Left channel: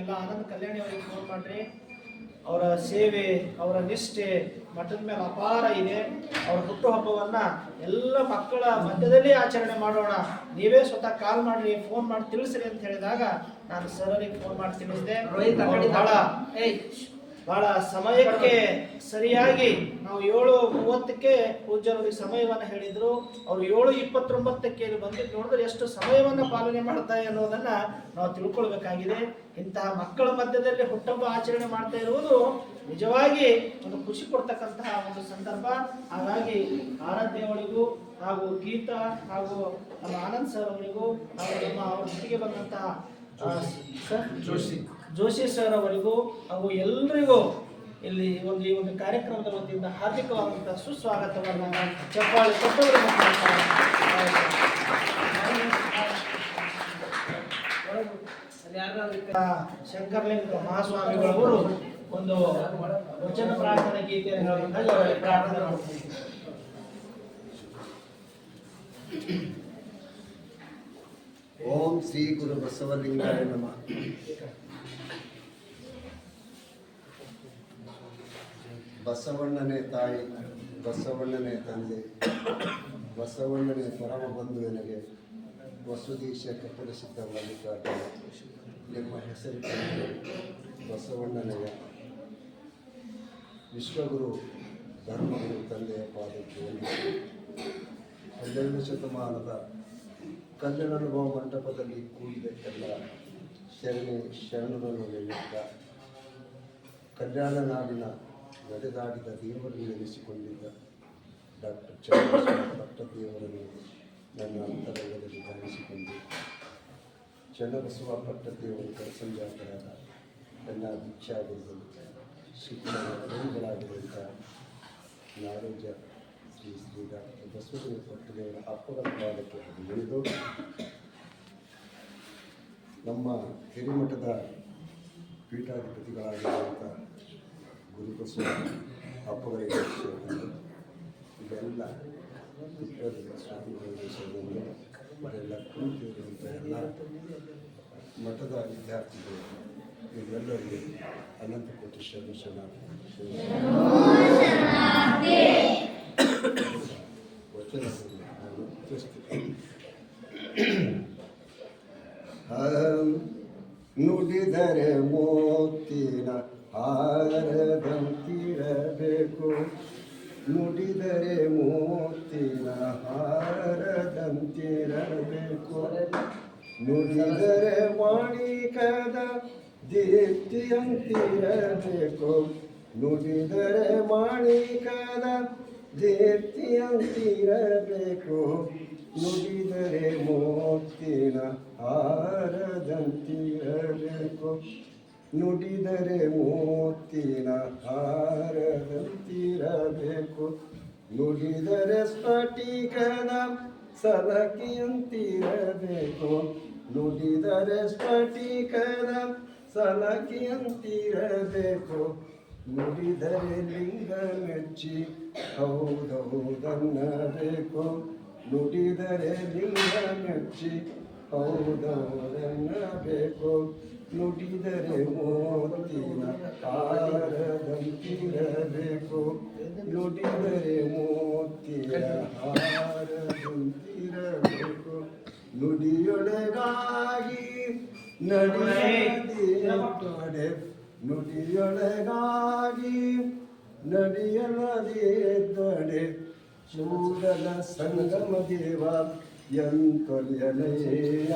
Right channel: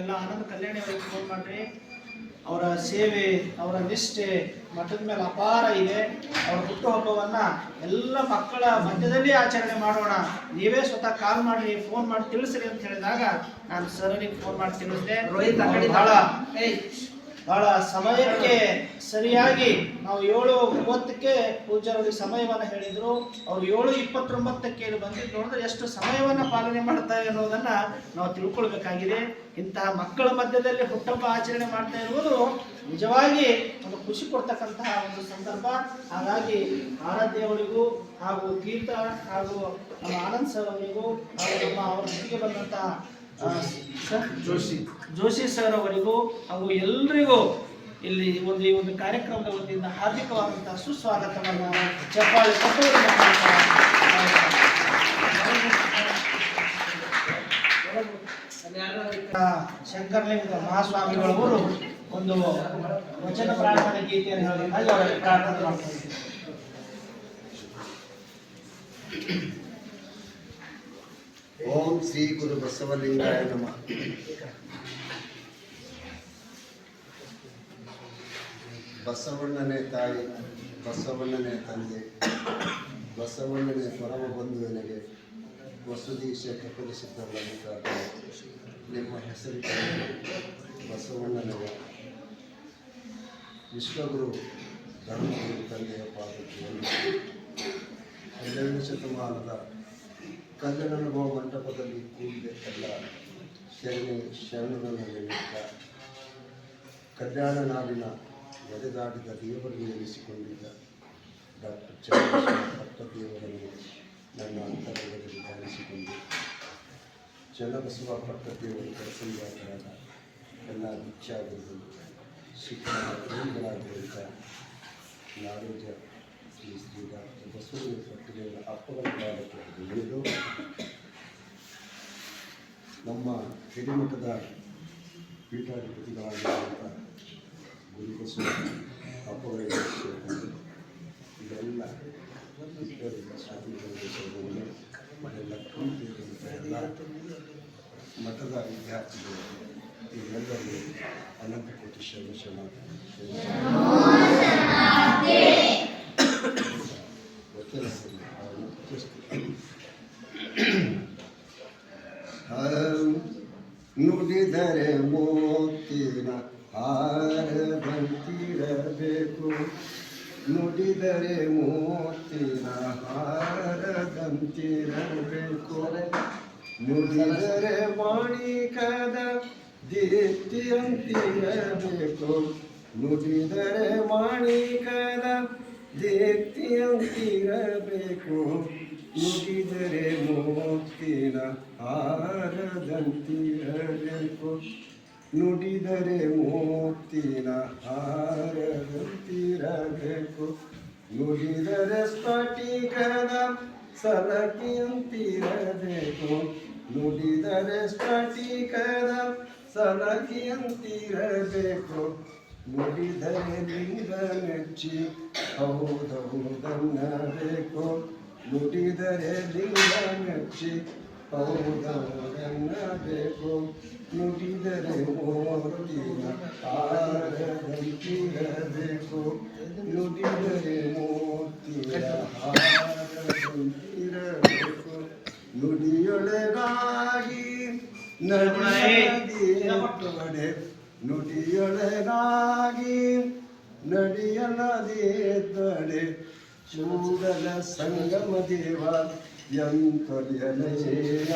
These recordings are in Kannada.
ನೀವೆಲ್ಲ ಆನಂದ ಕಲ್ಯಾಣಿ ಅವರಿಗೆ ಫೋನ್ ಮಾಡ್ರಿ. ಅವರ ಸೇವೆ, ಅವರ ನಿಷ್ಠೆ ಮಠದ ಮೇಲೆ ಅಪಾರ ಇದೆ. ಅವರ ಹುಟ್ಟುಹಬ್ಬವನ್ನ ಎಲ್ಲ ಮಕ್ಕಳ ಮಧ್ಯದಲ್ಲಿ ಆಚರಣೆ ಮಾಡೋಣ, ನೀವೇ ಸ್ವತಃ ಕಾಲ್ ಮಾಡ್ರಿ, ಫೋನ್ ಮಾಡಿ ತಿಳಿಸ್ರಿ ಅಂತ ಹೇಳಿದಾಗ ನಾನು ಸರಿಗೆ ಫೋನ್ ಮಾಡಿ ತಿಳಿಸಿದೆ. ಬಹಳ ಸಮಯಕ್ಕೆ ಸರಿಯಾಗಿ ನಾವು 7:30ಕ್ಕೆ ಪೂಜ್ಯರವರಿಗೆ ಸಮಯವನ್ನು ಹೇಳಿದ್ರು. ಅವರು 7:29ಕ್ಕೆ ಇಲ್ಲಿ ಬಂದಿದ್ದು ನೋಡಿದ್ರೆ ಎಷ್ಟು ಸಮಯವನ್ನು ಪಾಲನೆ ಮಾಡ್ತಾರೆ ಅನ್ನೋದನ್ನ ನಾವು ತಿಳ್ಕೊಳ್ಬೇಕಾಗಿದೆ. ಇಂತಹ ಮಕ್ಕಳ ಮಧ್ಯದಲ್ಲಿ ಹುಟ್ಟುಹಬ್ಬ ಆಚರಣೆ ಮಾಡ್ತಾ ಇರುವುದು ನಿಜವಾಗಿ ಒಂದು ಖುಷಿ ಕೊಡ್ತಕ್ಕಂತಹ ಒಂದು ಸಂದರ್ಭ. ಹಾಗಾಗಿ ಆರಾಧ್ಯವರಿಗೂ ಹಾಗೂ ಗೀತಾ ಹಾಗೂ ನಮ್ಮ ಆನಂದ್ ಸರ್ ಅವರಿಗೂ ಹಾಗೂ ನಮ್ಮ ಅವ್ರ ಜೊತೆಗೆ ಬಂದಂತಹ ಜೋಶಿ ಸರ್ ಅವರಿಗೂ ಹಾಗೂ ಎಲ್ಲರಿಗೂ ಇಲ್ಲಿ ಈ ಒಂದು ಕಾರ್ಯಕ್ರಮದ ವತಿಯಿಂದ ಹಾರ್ದಿಕವಾದಂತಹ ಸುಸ್ವಾಗತವನ್ನು ಚಪ್ಪಾಳೆ ಶಂಕರಲಿಂಗ ಮಹಾಸ್ವಾಮಿಗಳವರು ಒಂದು ವಚನ ಪ್ರಾರ್ಥನೆ ಗೀತೆಯನ್ನು ಹೇಳೋದಕ್ಕಾಗಿ ಅವರಲ್ಲಿ ಪ್ರಾರ್ಥನೆ ಮಾಡ್ತಾರೆ. ಓಂ ಶ್ರೀ ಗುರು ಬಸವಲಿಂಗಾಯ ನಮಃ. ಬಸವಣ್ಣನೇ ತಾಯಿ, ಬಸವಣ್ಣನೇ ತಂದೆ, ಬಸವಣ್ಣನೇ ಪರಮ ಬಂಧುವನಿಗೆ ವಸುದೀಶ ಕಪಲಿಸಿದ್ದ ಮಲ್ಲಿಕಾರ್ಜುನ ನಿಮ್ಮ ಹೆಸರಿನಲ್ಲಿ ಬಸವಣ್ಣನವ ವಿಶ್ವಗುರು ಧರ್ಮಗುರು ತಂದೆಯ ಪಾದಕ್ಕೆ 12ನೇ ಶತಮಾನದ ಕಲ್ಯಾಣಾನುಭವ ಮಂಟಪದಲ್ಲಿ ಕೂಡಿದ ಎಲ್ಲ ಶರಣರನ್ನು ನಿಮಿತ್ತ ಕಲ್ಯಾಣ ನಾಡಿನ ಎದೆಗಾಡಿದ ದೇವರನ್ನು ನೆನೆಸಿಕೊಂಡಿದ್ದ ಡಾಕ್ಟರ್ ಚಂದ್ರಶೇಖರ ಪಟ್ಟದೇವರನ್ನು ನನ್ನ ಅಂತರಂಗದಲ್ಲಿ ಧ್ಯಾನಿಸಿಕೊಂಡು ಚನ್ನಬಸವ ಪಟ್ಟದೇವರು ಕರಸಂಜಾತರಾದ ಎಲ್ಲ ದೀಕ್ಷಾಗುರುಗಳು ಶಿಕ್ಷಣ ಪ್ರೇಮಿಗಳಾಗಿರುವಂಥ ನಾಡೋಜ ಶ್ರೀ ಡಾಕ್ಟರ್ ಬಸವಲಿಂಗ ಪಟ್ಟದೇವರ ಅಪ್ಪಗಳ ಕಾಲಕ್ಕೆ ಬೆಳೆದು ನಮ್ಮ ಹಿರಿಮಠದ ಪೀಠಾಧಿಪತಿಗಳಾಗಿರುವಂಥ ಗುರುಬಸವ ಅಪ್ಪಗಳಿಗೆ ಇದೆಲ್ಲ ಸ್ವಾಮಿಗಳು ಅದೆಲ್ಲ ಕೂತಿರುವಂಥ ಎಲ್ಲ ಮಠದ ವಿದ್ಯಾರ್ಥಿಗಳು ಇದೆಲ್ಲರೂ ಅನಂತ ಕೋಟಿ ಶರಣ ನುಡಿದರೆ ಮೋತಿನ ಹಾರದಂತಿರಬೇಕು, ನುಡಿದರೆ ಮೋತಿನ ಹಾರದಂತಿರಬೇಕು, ನುಡಿದರೆ ಮಾಣಿಕದ ದೀಪ್ತಿಯಂತಿರಬೇಕು, ನುಡಿದರೆ ಮಾಣಿಕದ ದೀಪ್ತಿಯಂತಿರಬೇಕು, ನುಡಿದರೆ ಮೋತಿನ ಹಾರದಂತಿರಬೇಕು, ನುಡಿದರೆ ಮೋತಿನ ಹಾರದಂತಿರಬೇಕು, ನುಡಿದರೆ ಸ್ಫಟಿಕದ ಸಲಕಿಯಂತಿರಬೇಕು, ನುಡಿದರೆ ಸ್ಫಟಿಕದ ಸಲಕಿಯಂತಿರಬೇಕು, ನುಡಿದರೆ ಲಿಂಗ ಮೆಚ್ಚಿ ಹೌದೌದನ್ನಬೇಕು, ನುಡಿದರೆ ಲಿಂಗ ಮೆಚ್ಚಿ ಹೌದೌದನ್ನಬೇಕು, ನುಡಿದರೆ ಮೋತಿನ ಹಾರದಂತಿರಬೇಕು, ನುಡಿದರೆ ಮೋತಿನ ಹಾರದಂತಿರಬೇಕು, ನುಡಿಯೊಳಗಾಗಿ ನಡೆಯದೆ ನುಡಿಯೊಳಗಾಗಿ ನಡೆಯಲದಿದ್ದಡೆ ಚೂಡಲ ಸಂಗಮ ದೇವ ಎಂತೊಲಿಯಲಯ್ಯ,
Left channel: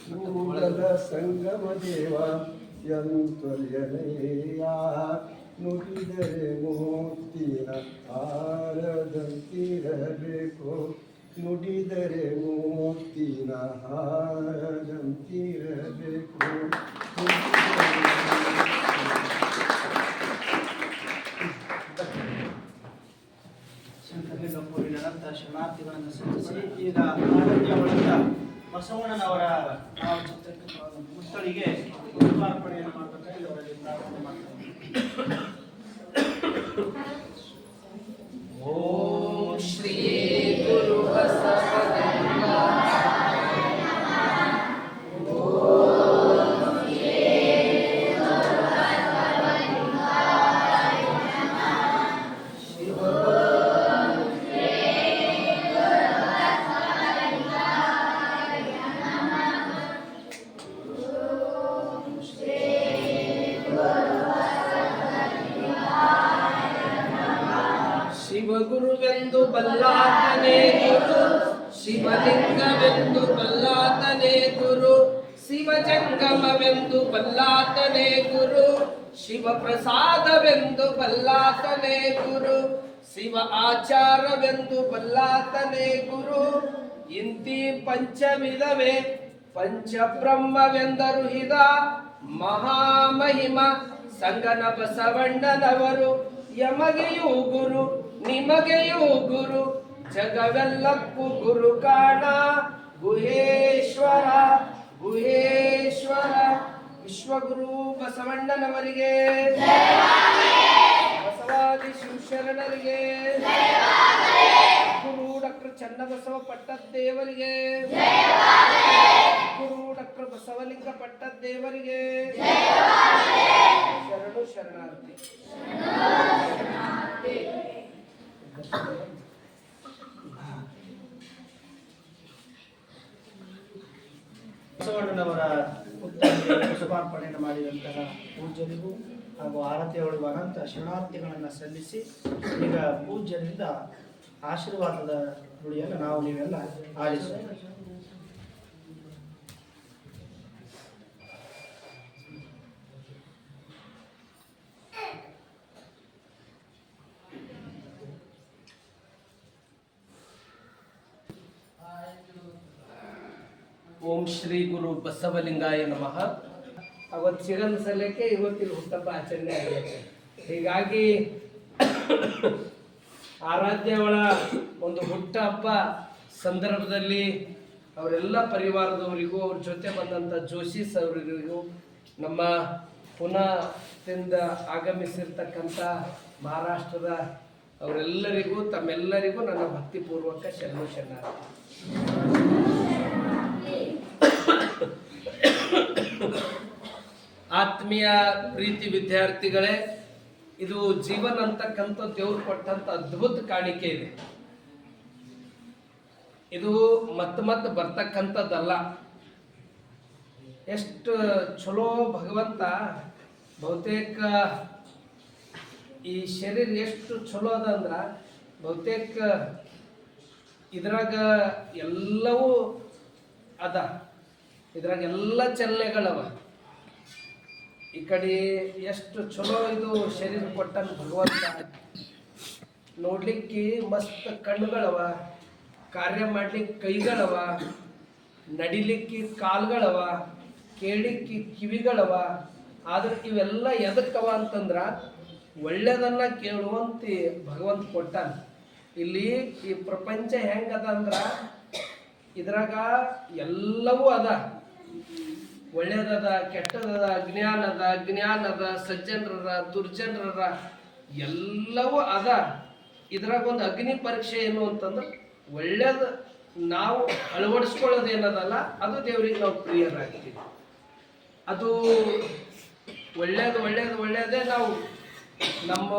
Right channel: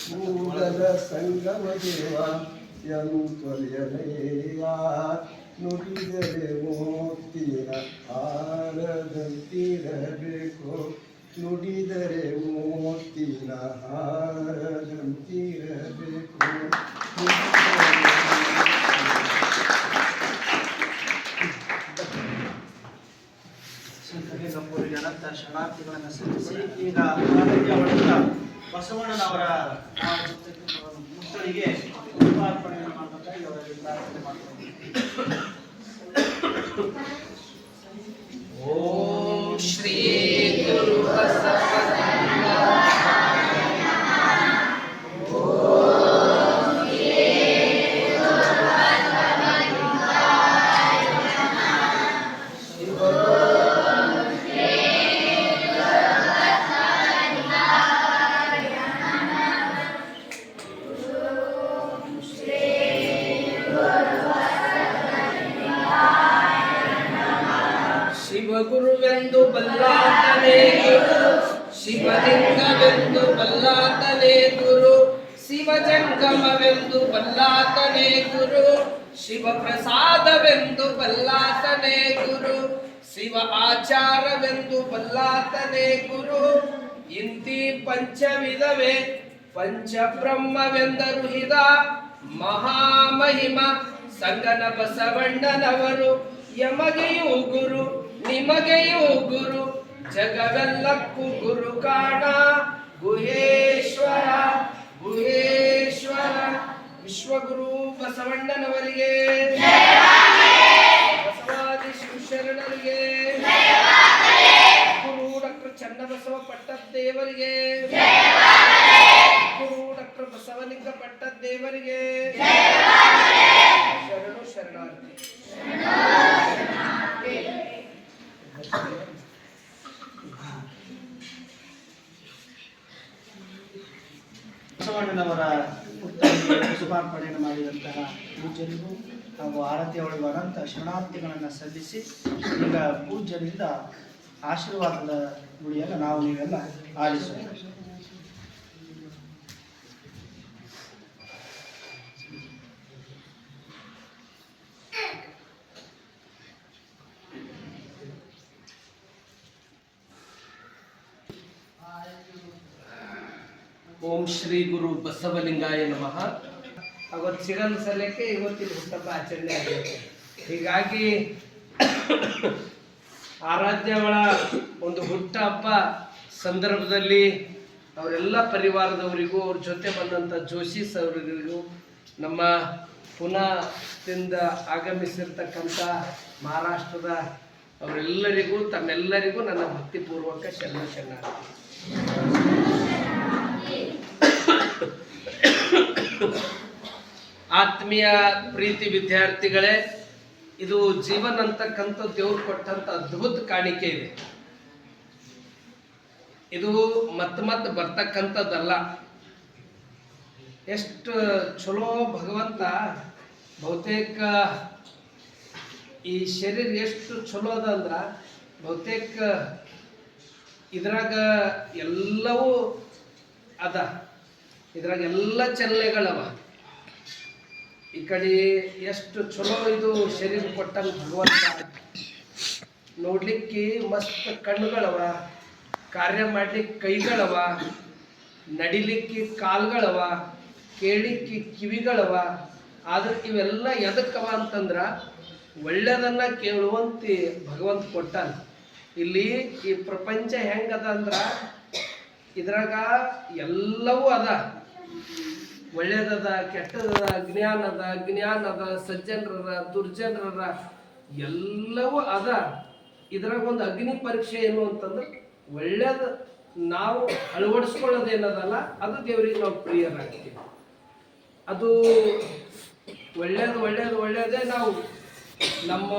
ಚೂಡಲ ಸಂಗಮ ದೇವ ಎಂತೊಲಿಯಲಯ್ಯ, ನುಡಿದರೆ ಮೋತಿನ ಹಾರದಂತಿರಬೇಕು, ನುಡಿದರೆ ಮೋತಿನ ಹಾರದಂತಿರಬೇಕು. ಸಂತರಿಗೆ ಅನಂತ ಶರಣಾರ್ಥಿಗಳನ್ನು ಸಲ್ಲಿಸಿ ಈಗ ಬಸವಣ್ಣನವರ ಮಕ್ಕಳಿಗೆ ಪುಷ್ಪಾರ್ಪಣೆಯನ್ನು ಮಾಡಬೇಕಾಗಿ ಅವರಲ್ಲಿ ಪ್ರಾರ್ಥನೆ ಮಾಡ್ತಾರೆ. ಓಂ ಶ್ರೀ ಗುರು ಬಸವಲಿಂಗಾಯ ಶಿವಲಿಂಗವೆಂದು ಬಲ್ಲಾತನೇ ಗುರು, ಶಿವಜಂಗಮವೆಂದು ಬಲ್ಲಾತನೇ ಗುರು, ಶಿವಪ್ರಸಾದವೆಂದು ಬಲ್ಲಾತನೇ ಗುರು, ಶಿವ ಆಚಾರವೆಂದು ಬಲ್ಲಾತನೇ ಗುರು. ಇಂತಿ ಪಂಚವಿಧವೇ ಪಂಚಬ್ರಹ್ಮವೆಂದರು ಹಿದ ಮಹಾಮಹಿಮ ಸಂಗನ ಬಸವಣ್ಣನವರು. ಯಮಗೆಯೂ ಗುರು ನಿಮಗೆಯೂ ಗುರು, ಜಗವೆಲ್ಲಕ್ಕೂ ಗುರು ಕಾಣ ಗುಹೇಶ್ವರ ಗುಹೇಶ್ವರ. ವಿಶ್ವಗುರು ಬಸವಣ್ಣನವರಿಗೆ, ಬಸವಾದಿ ಶಿವಶರಣರಿಗೆ, ಗುರು ಡಾಕ್ಟರ್ ಚನ್ನಬಸವ ಪಟ್ಟದ್ದೇವರಿಗೆ, ಗುರು ಡಾಕ್ಟರ್ ಬಸವಲಿಂಗ ಪಟ್ಟದ್ದೇವರಿಗೆ ಶರಣು ಶರಣಾರ್ಥಿ. ಬಸವಣ್ಣನವರ ಹುಟ್ಟನ್ನು ಶುಭಾರ್ಪಣೆಯನ್ನು ಮಾಡಿದಂತಹ ಪೂಜ್ಯರಿಗೂ ಹಾಗೂ ಆರತಿ ಒಳಗಾದಂಥ ಶರಣಾರ್ಥಿಗಳನ್ನು ಸಲ್ಲಿಸಿ ಈಗ ಪೂಜ್ಯರಿಂದ ಆಶೀರ್ವಾದದ ನುಡಿಯನ್ನು ನಾವು ನೀವೆಲ್ಲ ಆಲಿಸೋಣ. ಓಂ ಶ್ರೀ ಗುರು ಬಸವಲಿಂಗಾಯ ನಮಃ. ಅವತ್ತು ಸಿಗಲ್ ಸಲಕ್ಕೆ ಇವತ್ತಿನ ಹುಟ್ಟಪ್ಪ ಆಚರಣೆ ಆಗುತ್ತೆ. ಹೀಗಾಗಿ ಆರಾಧ್ಯವಳ ಒಂದು ಹುಟ್ಟ ಹಬ್ಬ ಸಂದರ್ಭದಲ್ಲಿ ಅವರೆಲ್ಲ ಪರಿವಾರದವರಿಗೂ, ಅವ್ರ ಜೊತೆ ಬಂದಂಥ ಜೋಶಿಸ್ ಅವರಿಗೂ, ನಮ್ಮ ಪುನಾದಿಂದ ಆಗಮಿಸಿರ್ತಕ್ಕಂಥ ಮಹಾರಾಷ್ಟ್ರದ ಅವರೆಲ್ಲರಿಗೂ, ತಮ್ಮೆಲ್ಲರಿಗೂ ನನ್ನ ಭಕ್ತಿಪೂರ್ವಕ ಶರಣ ಶರಣಾರ್ಥಿ. ಆತ್ಮೀಯ ಪ್ರೀತಿ ವಿದ್ಯಾರ್ಥಿಗಳೇ, ಇದು ಜೀವನ ಅಂತಕ್ಕಂಥ ದೇವ್ರು ಕೊಟ್ಟಂತ ಅದ್ಭುತ ಕಾಣಿಕೆ ಇದೆ. ಇದು ಮತ್ತೆ ಬರ್ತಕ್ಕಂಥದ್ದಲ್ಲ. ಎಷ್ಟು ಚಲೋ ಭಗವಂತ, ಬಹುತೇಕ ಈ ಶರೀರ ಎಷ್ಟು ಚಲೋ ಅದ ಅಂದ್ರ, ಬಹುತೇಕ ಇದ್ರಾಗ ಎಲ್ಲವೂ ಅದ, ಇದ್ರಾಗ ಎಲ್ಲ ಚಲನೆಗಳವ. ಈ ಕಡೆ ಎಷ್ಟು ಚಲೋ ಇದು ಶರೀರ ಕೊಟ್ಟಂಗೆ ಭಗವಂತ. ನೋಡ್ಲಿಕ್ಕೆ ಮಸ್ತ್ ಕಣ್ಣುಗಳವ, ಕಾರ್ಯ ಮಾಡ್ಲಿಕ್ಕೆ ಕೈಗಳವ, ನಡಿಲಿಕ್ಕೆ ಕಾಲ್ಗಳವ, ಕೇಳಲಿಕ್ಕೆ ಕಿವಿಗಳವ. ಆದ್ರೆ ಇವೆಲ್ಲ ಎದಕ್ಕವ ಅಂತಂದ್ರ ಒಳ್ಳೆಯದನ್ನ ಕೇಳುವಂತೆ ಭಗವಂತ ಕೊಟ್ಟಾನ. ಇಲ್ಲಿ ಈ ಪ್ರಪಂಚ ಹೆಂಗದ ಅಂದ್ರ ಇದ್ರಾಗ ಎಲ್ಲವೂ ಅದ. ಒಳ್ಳೆಯದದ, ಕೆಟ್ಟದದ, ಜ್ಞಾನದ, ಸಜ್ಜನರ, ದುರ್ಜನರ ಎಲ್ಲವೂ ಅದ. ಇದ್ರಾಗ ಒಂದು ಅಗ್ನಿ ಪರೀಕ್ಷೆ ಏನು ಅಂತಂದ್ರೆ ಒಳ್ಳೇದು ನಾವು ಅಳವಡಿಸ್ಕೊಳ್ಳೋದೇನದಲ್ಲ, ಅದು ದೇವರಿಗೆ ನಾವು ಪ್ರಿಯರಾಗ್ತೀವಿ. ಅದು ಒಳ್ಳೆಯದೇ ನಾವು ನಮ್ಮ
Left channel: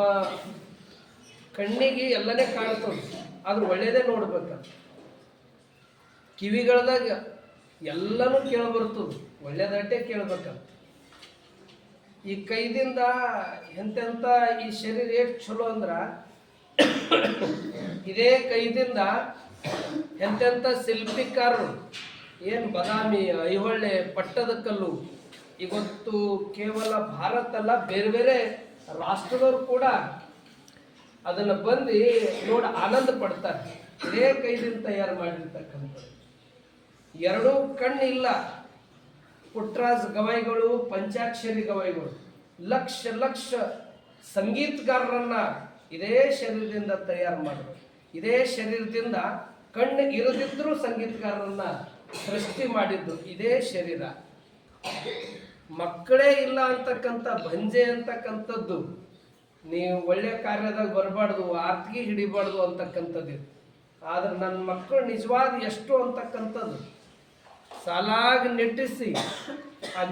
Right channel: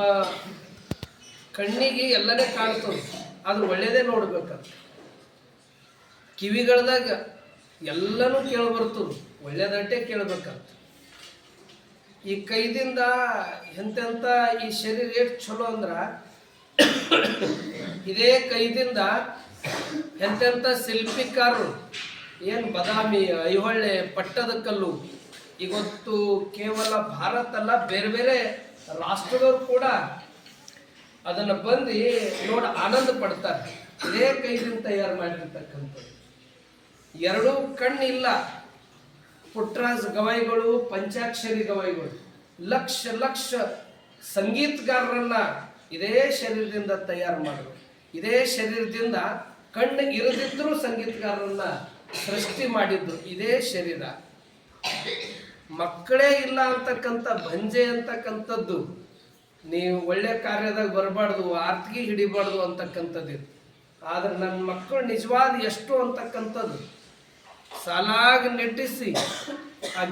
ಕಣ್ಣಿಗೆ ಎಲ್ಲನೇ ಕಾಣ್ತದೆ, ಆದ್ರೆ ಒಳ್ಳೆಯದೇ ನೋಡ್ಬೇಕಂತ. ಕಿವಿಗಳದಾಗ ಎಲ್ಲನೂ ಕೇಳಬರ್ತದೆ, ಒಳ್ಳೆಯದಟ್ಟೆ ಕೇಳಬೇಕಂತ. ಈ ಕೈದಿಂದ ಎಂತೆಂಥ ಈ ಶರೀರ ಎಷ್ಟು ಚಲೋ ಅಂದ್ರ, ಇದೇ ಕೈದಿಂದ ಎಂತೆಂಥ ಶಿಲ್ಪಿಕಾರರು ಏನು ಬದಾಮಿ, ಐಹೊಳೆ, ಪಟ್ಟದಕಲ್ಲು, ಇವತ್ತು ಕೇವಲ ಭಾರತ ಅಲ್ಲ, ಬೇರೆ ಬೇರೆ ರಾಷ್ಟ್ರದವರು ಕೂಡ ಅದನ್ನು ಬಂದು ನೋಡಿ ಆನಂದ ಪಡ್ತಾರೆ. ಇದೇ ಕೈದಿಂದ ತಯಾರು ಮಾಡಿರ್ತಕ್ಕಂಥದ್ದು. ಎರಡೂ ಕಣ್ಣಿಲ್ಲ. ಪುಟ್ಟರಾಜ ಗವಾಯಿಗಳು, ಪಂಚಾಕ್ಷರಿ ಗವಾಯಿಗಳು ಲಕ್ಷ ಸಂಗೀತಗಾರರನ್ನ ಇದೇ ಶರೀರದಿಂದ ತಯಾರು ಮಾಡಿದ್ರು. ಇದೇ ಶರೀರದಿಂದ ಕಣ್ಣು ಇರದಿದ್ರೂ ಸಂಗೀತಗಾರರನ್ನ ಸೃಷ್ಟಿ ಮಾಡಿದ್ರು ಇದೇ ಶರೀರ. ಮಕ್ಕಳೇ ಇಲ್ಲ ಅಂತಕ್ಕಂಥ ಬಂಜೆ ಅಂತಕ್ಕಂಥದ್ದು, ನೀವು ಒಳ್ಳೆ ಕಾರ್ಯದಾಗ ಬರಬಾರ್ದು, ಆರ್ತಿಗೆ ಹಿಡಿಬಾರ್ದು ಅಂತಕ್ಕಂಥದ್ದು. ಆದ್ರೆ ನನ್ನ ಮಕ್ಕಳು ನಿಜವಾದ ಎಷ್ಟು ಅಂತಕ್ಕಂಥದ್ದು ಸಾಲಾಗಿ ನೆಟ್ಟಿಸಿ, ಆ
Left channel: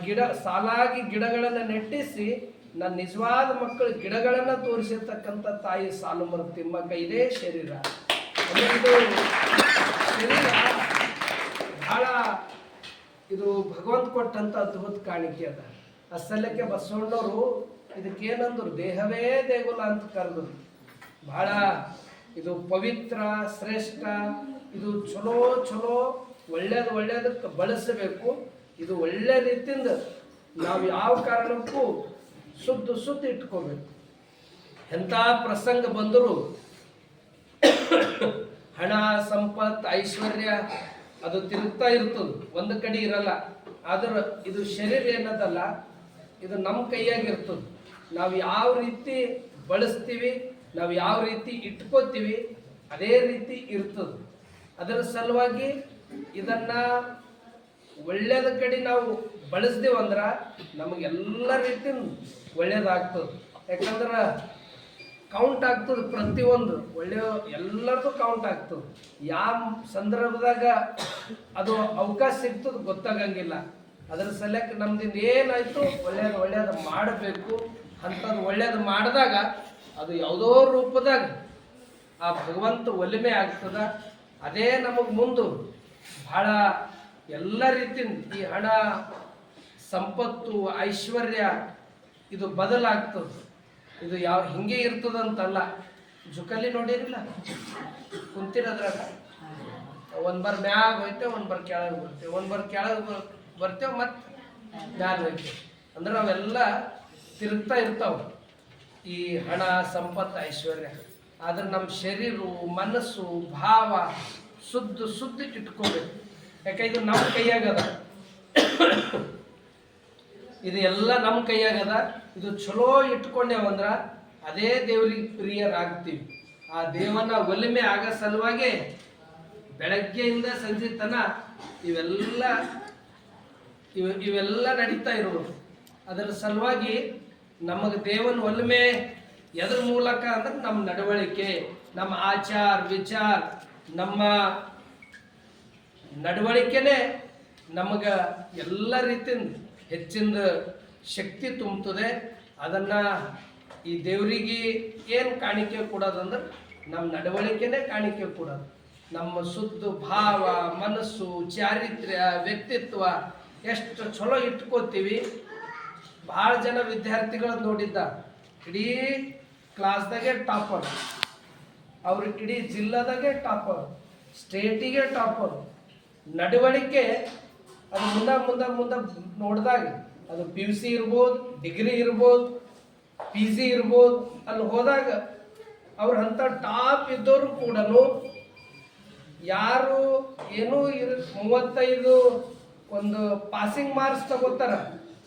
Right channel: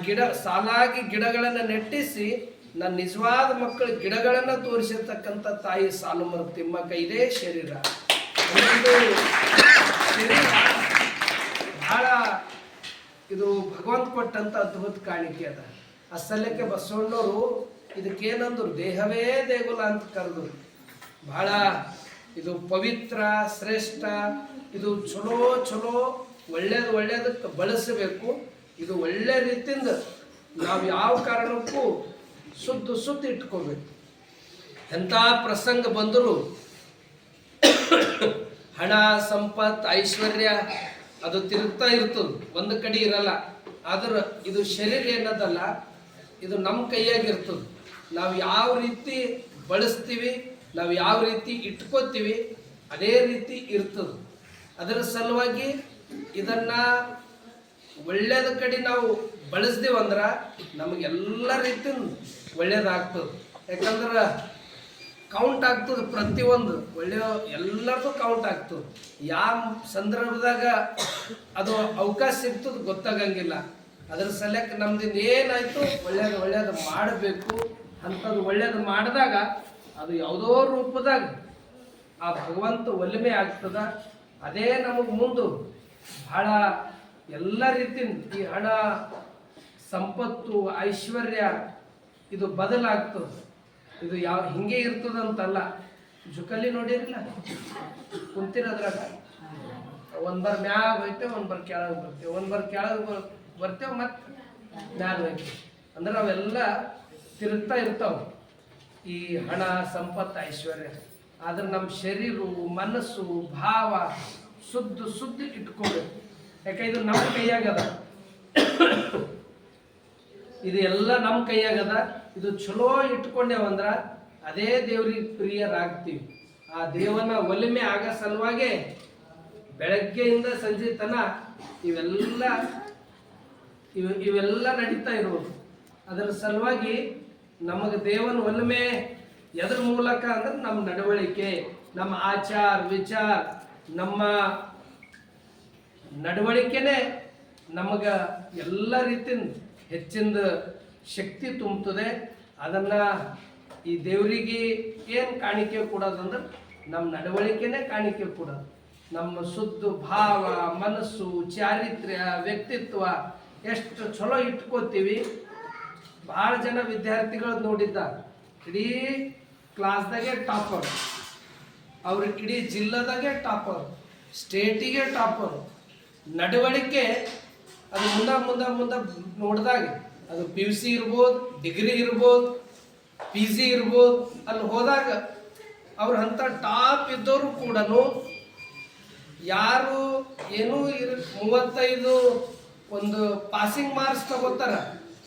ಸಾಲಾಗಿ ಗಿಡಗಳನ್ನು ನೆಟ್ಟಿಸಿ ನನ್ನ ನಿಜವಾದ ಮಕ್ಕಳು ಗಿಡಗಳನ್ನು ತೋರಿಸಿರ್ತಕ್ಕಂಥ ತಾಯಿ ಸಾಲುಮರ ತಿಮ್ಮಕ್ಕ ಇದೇ ಶರೀರ. ಇದು ಶರೀರ ಬಹಳ ಇದು ಭಗವಂತ ಕೊಟ್ಟಂಥ ಅದ್ಭುತ ಕಾಣಿಕೆ ಅದ. ಅಸಲಕ್ಕೆ ಬಸವಣ್ಣವರು ಇದಕ್ಕೇನಂದ್ರು ದೇಹವೇ ದೇಗುಲ ಅಂತ ಕರೆದ್ರು. ಬಹಳ ಇದು ಪವಿತ್ರ, ಶ್ರೇಷ್ಠ, ಇದು ಚಲೋ ಚಲೋ ಒಳ್ಳೇದಕ್ಕೆ ಬಳಸಬೇಕು. ಇದು ಒಳ್ಳೆ ರೀತಿಯಿಂದ ನಾವು ಯಾವ ಕಾರಣಕ್ಕೂ ಶುದ್ಧ ಇಟ್ಕೋಬೇಕು. ಎಂಥ ಪ್ರಸಂಗ ಬಂದರೂ ಹಣ, ಸಂಪತ್ತು, ಐಶ್ವರ್ಯ ಅದು ತಿರುಗ್ತಾ ಇರ್ತದೆ, ಒಂದು ಕಡೆ ಇರಲ್ಲ. ಆದ್ರೆ ಇದು ಶರೀರ ಏನದಲ್ಲ, ಇದು ನಮ್ಮ ಕೈಯಾಗಿರ್ತದೆ. ನಾವು ಯಾವ ರೀತಿ ಬಳಸ್ತೀವಿ, ನಾವು ಯಾವ ರೀತಿ ಇಟ್ಕೋತೀವಿ, ಅದೇ ರೀತಿ ಇರ್ತದೆ. ಅದರ ಸಲುವಾಗಿ ಇದನ್ನ ಒಳ್ಳೆಯದ ಕಡೆ ನಾವು ಬಳಸ್ದೇವಂದ್ರೆ ನಮಗೆಲ್ಲ ರೀತಿಯಿಂದ ಒಳ್ಳೇದಾಗ್ತದೆ. ಯಾಕಂದ್ರೆ ಕೌಂಟ್ ಆಗ್ತದೆ, ಪ್ರತಿಯೊಂದು ಒಳ್ಳೆಯ ಎಲ್ಲರದು ಕೌಂಟ್ ಆಗ್ತದೆ. ಯಾವ ಸಂದರ್ಭದಾಗ ಅದು ಅವಕಾಶ ಸಿಗ್ತದೆ ಗೊತ್ತಾಗಂಗಿಲ್ಲ. ಅದರ ಸಲಕ್ಕೆ ನಮ್ದಿಂದ ಏನಾಯ್ತು ಒಳ್ಳೇದು ಮಾಡಬೇಕು. ಅಂಥದ್ದು ಒಳ್ಳೇದು ಮಾಡಿದಾಗ ಅದು ಯಾವುದೋ ರೂಪದಾಗ ಆ ಭಗವಂತ ಒಲಿಮೆ ಆಗ್ತದ. ಅದೇ ನಮಗೆ ಮುಂದೆ ಬಹಳ ಎಲ್ಲ ರೀತಿಯಿಂದ ಈ ಹಣ, ಸಂಪತ್ತು, ಐಶ್ವರ್ಯ ಇದು ಬದಲಾಗ್ತದೆ. ಇದು ಯಾವ ಹಿಂಗೆ ಇರ್ತದಂತಲ್ಲ. ಜುಕಲಿ ನೋಡಿರಿಲ್ಲ, ಕುಂತಿರೋದ್ರಾಗ ಒಂದು ಬರ್ ಮ್ಯಾಗ ಹೋಯ್ತೇವೆ, ಒಂದು ಬರ್ ಕೆಳಗೆ ಬರ್ತೇವೆ, ಒಂದು ಬರ್ ಕೆಳಗೆ ಬರ್ತೇವೆ, ಮತ್ತು ಮ್ಯಾಗ ಹೋಯ್ತೇವೆ. ಅಂದ್ರೆ ಅವೆಲ್ಲ ತಿರುಗ್ತಾ ಇರ್ತಾವೆ, ಈ ಹಣ, ಸಂಪತ್ತು, ಐಶ್ವರ್ಯ. ಆದ್ರೆ ನಮ್ಮ ಶರೀರ, ಮನಸ್ಸು, ಭಾವ ಶುದ್ಧ ಇಟ್ಕೋಬೇಕು. ಯಾಕೆ ಇದು ನಮ್ಮ ಕೈಯಾಗದ, ಇದು ಎಲ್ಲ ನಮ್ಮ ಕೈಯಾಗದ. ಇದು ಚಲೋ ಇಟ್ಕೊಂಡೇವಂದ್ರೆ ಅದೇ ದೇವ್ರಿಗೆ ಪ್ರಿಯರಾಗ್ತೀವಿ. ಆ ದೇವನ ಒಲಿಮೆ ಆಗೋ ಸಲುವಾಗಿ ಬೆಳಗ್ಗೆಯಿಂದ ಸಂಜೆ ತನ ಇವೆಲ್ಲ ನಡೀತಾ ಇರ್ಬೋದು. ಅದರ ಸಲುವಾಗಿ ನಮಗೆ ದೇವನ ಒಲಿಮೆ ಎದ್ರ ಮೂಲಕ ಅಂದ್ರೆ ನಮ್ಮ ನಡವಳಿಕೆ, ನಮ್ಮ ಆಚಾರ ವಿಚಾರ, ನಮ್ಮ ನಡವಳಿಕೆನೇ ನಮಗೆ ಎಲ್ಲ ರೀತಿಯಿಂದ ಹೆಚ್ಚಿನ ಶಕ್ತಿ ತುಂಬುತ್ತದೆ. ಅದನ್ನು ಈ ದೇವರಿಗೆ ಏನು ಕಾಣಿಕೆ ಕೊಡೋದಂದ್ರೆ ನಮ್ಮ ನಡವಳಿಕೆನೇ ಕಾಣಿಕೆ ಕೊಡೋದು. ನಮ್ಮ ಶುದ್ಧ ಭಾವ, ಮನಸ್ಸು, ಚಾರಿತ್ರ್ಯ, ವ್ಯಕ್ತಿತ್ವ ಎಷ್ಟು ಚಲೋ ಇಟ್ಕೋತೀವಿ. ಭಾಳ ಜನ ವಿದ್ಯಾರ್ಥಿಗಳು ನೋಡಿದ್ದ ಇಡೀ ಕ್ಲಾಸ್ದಾಗೆ ಟಾಪರ್, ಅವ್ರ ಇಡೀ ಜಿಲ್ಲಾದಾಗೆ ಟಾಪರ್, ಸ್ಟೇಟಿಗೆ ಟಾಪರ್. ನಡವಳಿಕೆ ಅದು ಮುಂದೆ ನೋಡಿದಾಗ ಅದು PUC ಇರ್ಬೋದು, ಡಿಗ್ರಿ ಇರ್ಬೋದು, PG ಇರ್ಬೋದು, ಅಲ್ಲಿ ಹೋದಾಗ ಅವ್ರ ಅಂಥ ಟಾಪ್ ಇದ್ದವರು ಕೂಡ ಯಾರು ಏನೂ 35 ಒಂದು ಪಾಸಿಂಗ್ ಮಾರ್ಕ್ಸ್ ತಗೋತಾರ,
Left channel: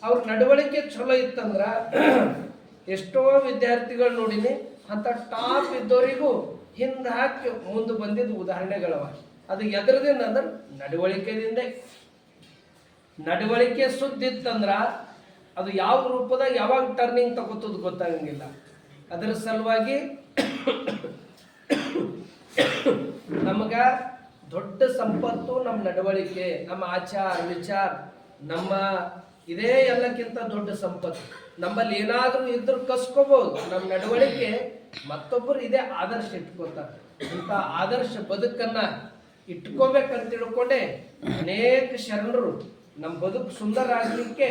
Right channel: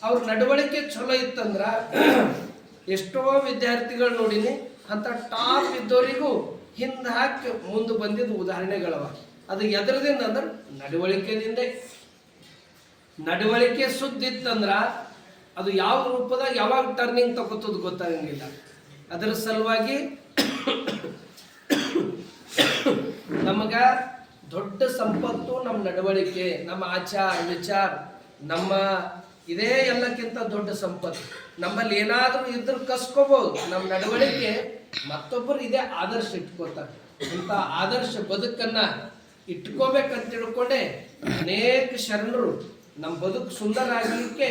ಅವ್ರ ನಡವಳಿಕೆ ಚಲೋ ಇತ್ತಂದ್ರೆ ಎಷ್ಟೋ ವಿದ್ಯಾರ್ಥಿಗಳು ನೋಡಿನಿ ಅಂಥ ಟಾಪ್ ಇದ್ದವರಿಗೂ ಹಿಂದೆ ಹಾಕಿ ಮುಂದೆ ಬಂದಿದ್ದು ಉದಾಹರಣೆಗಳವ. ಅದು ಎದ್ರದಿಂದ ಅಂದ್ರೆ ನಡವಳಿಕೆದಿಂದ. ನಡವಳಿಕೆ ಶುದ್ಧ ಇತ್ತಂದ್ರೆ ಅದು ಯಾವ ರೂಪದಾಗ ಯಾವಾಗ ಟರ್ನಿಂಗ್ ತಗೋತದ ಗೊತ್ತಾಗಂಗಿಲ್ಲ. ಅದರ ಸಲುವಾಗಿ ನಮಗ ದೊಡ್ಡ ಸಂಪತ್ತು ನಮ್ಮ ನಡವಳಿಕೆ, ನಮ್ಮ ಆಚಾರ ವಿಚಾರ, ನಮ್ಮ ಇದೇ ಎಲ್ಲಕ್ಕಿಂತ ದೊಡ್ಡ ಸಂಪತ್ತು. ನಮ್ಮಲ್ಲಿ ಏನಾದರೂ ಇದ್ರೂ ಕಸ್ಕೋಬಹುದು. ನಮ್ಮ ನಡವಳಿಕೆ ಮತ್ತೊಬ್ಬರು ಇದೇ ಆದರ್ಶ ಇಟ್ಕೋತಾರೆ. ಇಂಥ ಆದರ್ಶ ಬದುಕನ್ನ ಇಟ್ಕೋಬೇಕಂತ ತಿಳ್ಕೊಂಡೆ ಅನೇಕ ಶರಣರು ನಮ್ಮ ಬದುಕು ಸುಂದರ ಆಗಲಿಕ್ಕೆ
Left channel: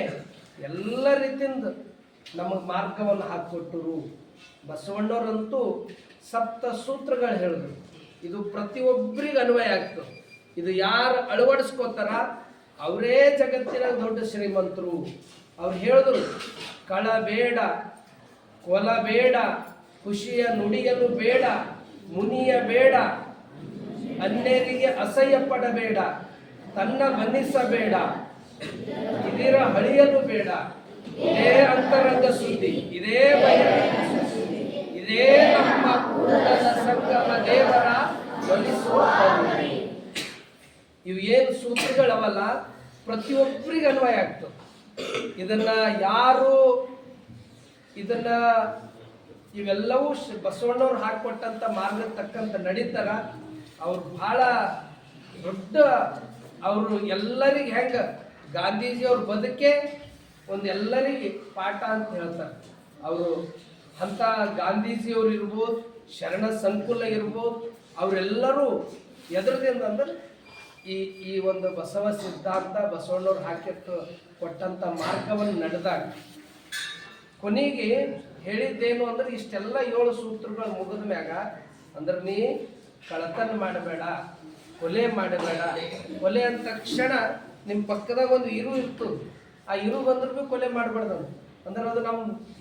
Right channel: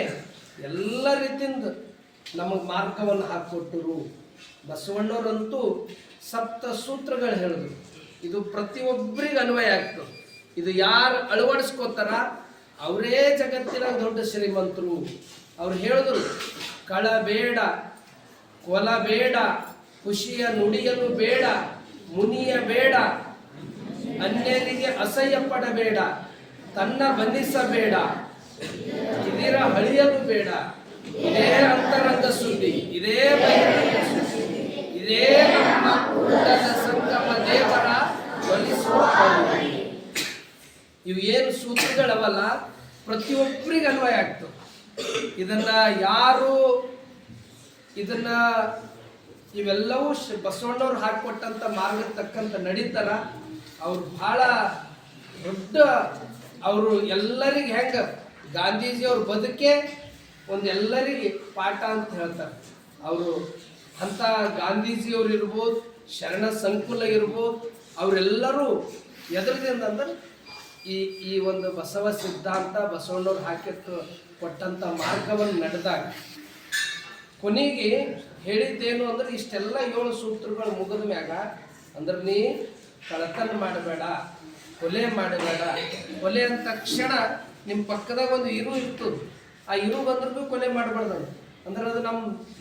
ಎಲ್ಲ ರೀತಿಯಿಂದ ನಮಗೆ ಮಾರ್ಗವನ್ನು ಹಾಕಿಕೊಟ್ಟರು. ಬಸವಣ್ಣವರಂತೂ ಸಪ್ತ ಸೂತ್ರಗಳು ಹೇಳಿದ್ರು. ಇದು ಪ್ರತಿಯೊಬ್ಬರಿಗೆ ಅನ್ವಯ ಆಗ್ತದೆ. ಇದು ಯಾರು ಅಳವಡಿಸ್ಕೋತಾರ ಅವರೇ ಜಗತ್ತಿನಾಗ ದೊಡ್ಡ ಶ್ರೀಮಂತರು. ಅವ್ರು ಹೇಳಿದ್ರು, ಕಳ ಬೇಡ, ಕೊಲ ಬೇಡ, ಖುಷಿಯ ನುಡಿಯಲು ಬೇಡ, ಮುನಿಯ ಬೇಡ, ಅನ್ಯರಿಗೆ ಅಸಹ್ಯ ಪಡಬೇಡ, ತನ್ನ ಬನ್ನಿಸಬೇಡ, ಇದರ ಹಳಿಯಲು ಬೇಡ. ಇದೇ ಅಂತರಂಗ ಸುದ್ದಿ, ಇದೇ ಬಹಿರಂಗ ಸುದ್ದಿ, ಇದೇ ನಮ್ಮ ಕೂಡಲ ಸಂಗಮ ದೇವರ ಒಲಿಸುವ ಕರುಣೆ. ಇವು ಏನು ಸೂತ್ರಗಳವಲ್ಲ ಪ್ರತಿಯೊಬ್ಬರಿಗೆ ಅನ್ವಯ ಆಗ್ತವೆ. ಇದನ್ನ ಯಾರು ಇವೆಲ್ಲವೂ ಬಸವಣ್ಣವ್ರು ಹಾಕಿಕೊಟ್ಟಂಥ ಮಾರ್ಗ ತಕ್ಕಂತ ನಡೀತಾರ ಅವ್ರು ಬಹಳ ದೊಡ್ಡ. ಅವರು ಎಲ್ಲರಿಗೆ ಹೆಂಗೆ ಗಾಂಧೀಜಿಯವ್ರ ಬದುಕೆ ಎಲ್ಲರಿಗೆ ಪಾಠ ಅಂತ ಹೇಳ್ತಾರೆ. ಅವರು ಅಂಥ ಗಾಂಧೀಜಿಯವ್ರು ಇರ್ಬೋದು, ಶರಣ ಸಂಕುಲ ಇರ್ಬೋದು, ಅವರೆಲ್ಲರೂ ಎದರದಿಂದ ಅಂದ್ರೆ ಈ ಒಂದು ಬಸವ ಸಿದ್ಧಾಂತ ಬಸವಣ್ಣವ್ರು ಕೊಟ್ಟಂಥ ಮಾರ್ಗವನ್ನು ನಡೆದಾಗ ಕೊನೆಗೆ ಹೇಳಿದ್ದೇನು ಅಂದ್ರೆ ಇಷ್ಟೆಲ್ಲ 7 ಸೂತ್ರಗಳು ಮುಗಿದ ಮ್ಯಾಗ ಅಂದ್ರೆ ನೀ ಕಳತನ ಮಾಡಬೇಡ, ಕೊಲೆ ಮಾಡಬೇಡ. ಕೊಲೆ ಅಂದ ತಕ್ಷಣ ನಿಮ್ಮ ಪಕ್ಕದಾಗ ಒಂದು ಇರು ಇರ್ತದೆ, ಆ ಇರು ಬಂದ್ರೂ ಕೊಲೆ ಮಾಡಬಾರ್ದು. ಅಂದ್ರೆ ಅದು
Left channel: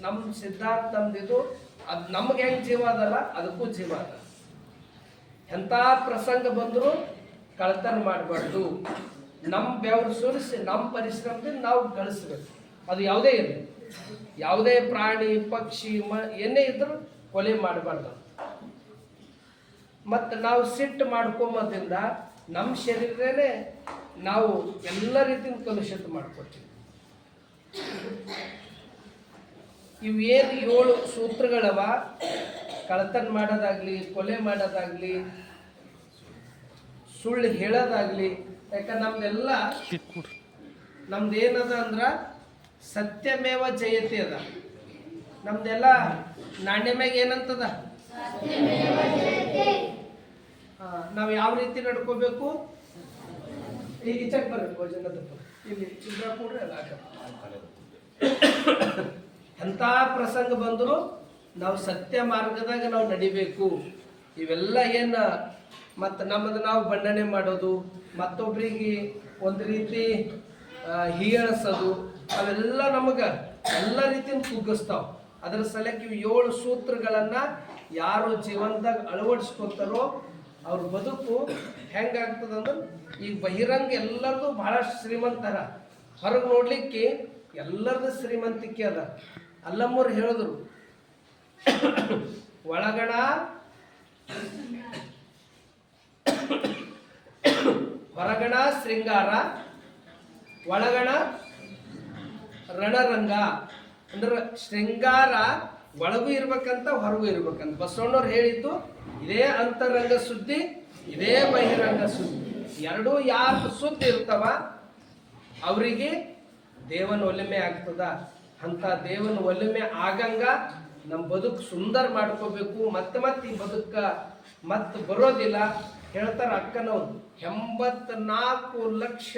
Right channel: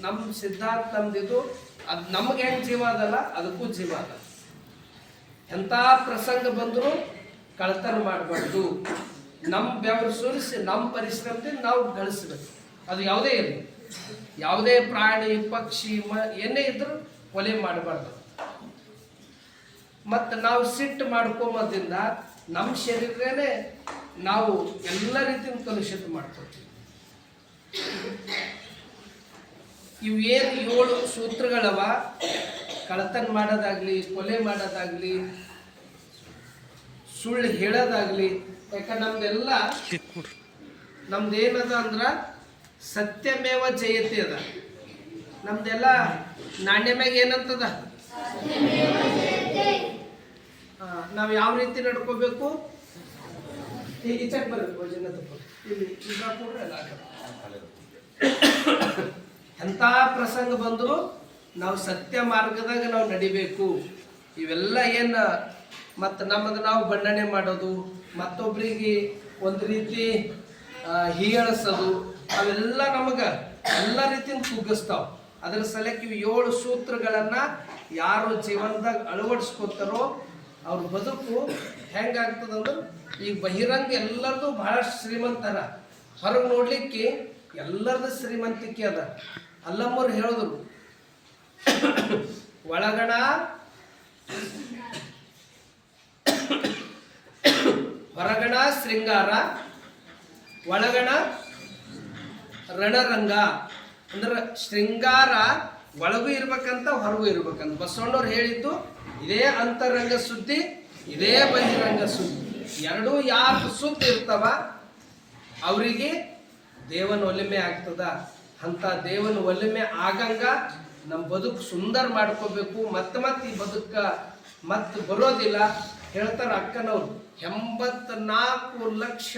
ನಮ್ಮ ಸಿದ್ಧಾಂತ, ನಮ್ದಿದು. ಅದು ನಮ್ಗೆ ಹೆಂಗೆ ಜೀವ ಅದಲ್ಲ ಅದಕ್ಕೂ ಜೀವ ಅದ. ಎಂಥ ಪ್ರಸಂಗ ಬಂದರೂ ಕಳ್ತನ ಮಾಡಬಾರ್ದು. ನಮ್ಮ ಬೆವರು ಸುರಿಸಿ ನಮ್ಮ ಪರಿಶ್ರಮದಿಂದ ನಾವು ಗಳಿಸ್ಬೇಕು. ಅದು ಯಾವುದೇ ಇರಲಿ, ಯಾವುದೇ ಪ್ರಾಣಿ ಪಕ್ಷಿ ಏನೇ ಇದ್ರೂ ಕೊಲೆ ಮಾಡಬಾರ್ದು. ಮತ್ತು ನಾವು ಸಿಟ್ಟು ಮಾಡ್ಕೊಂಬೋದ್ರಿಂದ ನಮ್ಮ ಶರೀರನೇ ನಾವು ಎಲ್ಲ ರೀತಿಯಿಂದ ಕಲುಷಿತ ಮಾಡ್ಕೊಳ್ತೀವಿ. ಇವೇನು 7 ಸೂತ್ರಗಳವ, ಕಳ್ತನ ಮಾಡೋದಾಗ್ಲಿ, ಕೊಲೆ ಮಾಡೋದಾಗ್ಲಿ, ಸುಳ್ಳು ಹೇಳೋದಾಗ್ಲಿ. ಯಾಕಂದ್ರೆ ನಮ್ದು ಏನದ ಅಂದ್ರೆ ಸತ್ಯಮೇವ ಜಯತೆ ಅದ. ನಮ್ದೆಲ್ಲ ನಾಣ್ಯ ಮ್ಯಾಗ ಏನಂತದ, ನಾವು ಯಾವ ರೀತಿ ನಡ್ಕೋಬೇಕು. ಈಗ ಈಚೆಗೆ ಬರಬೇಕು, ಇಲ್ಲಿ ಕೂಡ್ರೆ ಅಲ್ಲ. ಎಂಥ ಪ್ರಸಂಗ ಬಂದರೂ ನಾವು ಸತ್ಯ ಮಾರ್ಗದಾಗ ನಾವು ನಡಿಬೇಕು. ಇವೆಲ್ಲ ಏನು ಮತ್ತು ನಮ್ಮದು ನಾವು ಬಣ್ಣನೆ ಮಾಡೋದು, ಮತ್ತೊಬ್ಬರಿಗೆ ಒಂದು ರೀತಿ ಹೀಯಾಳಿಸೋದು, ಅವೆಲ್ಲ ನಮಗೆ ಎಲ್ಲ ರೀತಿಯಿಂದ ಕುಗ್ಗಿಸ್ತಾವೆ. ಅದರ ಸಲಕ್ಕೆ ಇವು 7 ಸೂತ್ರಗಳನ್ನು ಯಾರು ಜೀವನದಾಗ ಅಳವಡಿಸ್ಕೊತಾರೋ ಅವ್ರ ಬದುಕು ಹೆಂಗಾಗ್ತದಂದ್ರೆ, ಈಗ ಬಹಿರಂಗ ಎಲ್ಲರದು ಬಹಳಷ್ಟು ಶ್ರೀಮಂತರ, ಹೊರಗೆ ನೋಡ್ಲಿಕ್ಕೆ ಎಲ್ಲರದು ಶ್ರೀಮಂತಿಕೆ ಅದ. ಅಲ್ಲಮ್ಮವ್ರು ಹೇಳಿದ್ರು, ಒಳಗಣ ಹೊರಗಣ ಶೃಂಗಾರ, ಒಳಗಣ ರಣರಂಗ. ಅಂದ್ರೆ ಶೃಂಗಾರ ಒಳಗೂ ಇರ್ಬೇಕಂತ, ಹೊರಗೂ ಇರ್ಬೇಕಂತ ಬಸವಣ್ಣವ್ರು ಹೇಳಿದ್ದು. ಇದೇ ಅಂತರಂಗ ಸುದ್ದಿ, ಇದೇ ಬಹಿರಂಗ ಸುದ್ದಿ. ಎರಡೂ ಯಾರು ಸುದ್ದಿ ಇರ್ತವ ಅವರಿಗೆ ದೇವನ ಒಲಿಮೆ ಆಗ್ತದ. ಅಂತ ದೇವನ ಒಲಿಮೆ ಆಗಂಗ ನಮ್ಮ ಬದುಕು ಸುಂದರ ಮಾಡ್ಕೋಬೇಕು. ಮತ್ತೆ ಈ ಬದುಕ ಮತ್ತೆ ಬರೋದಿಲ್ಲ. ಹೇಳ್ತಾರ ಅಕ್ಕನವ್ರು, 84 ಲಕ್ಷ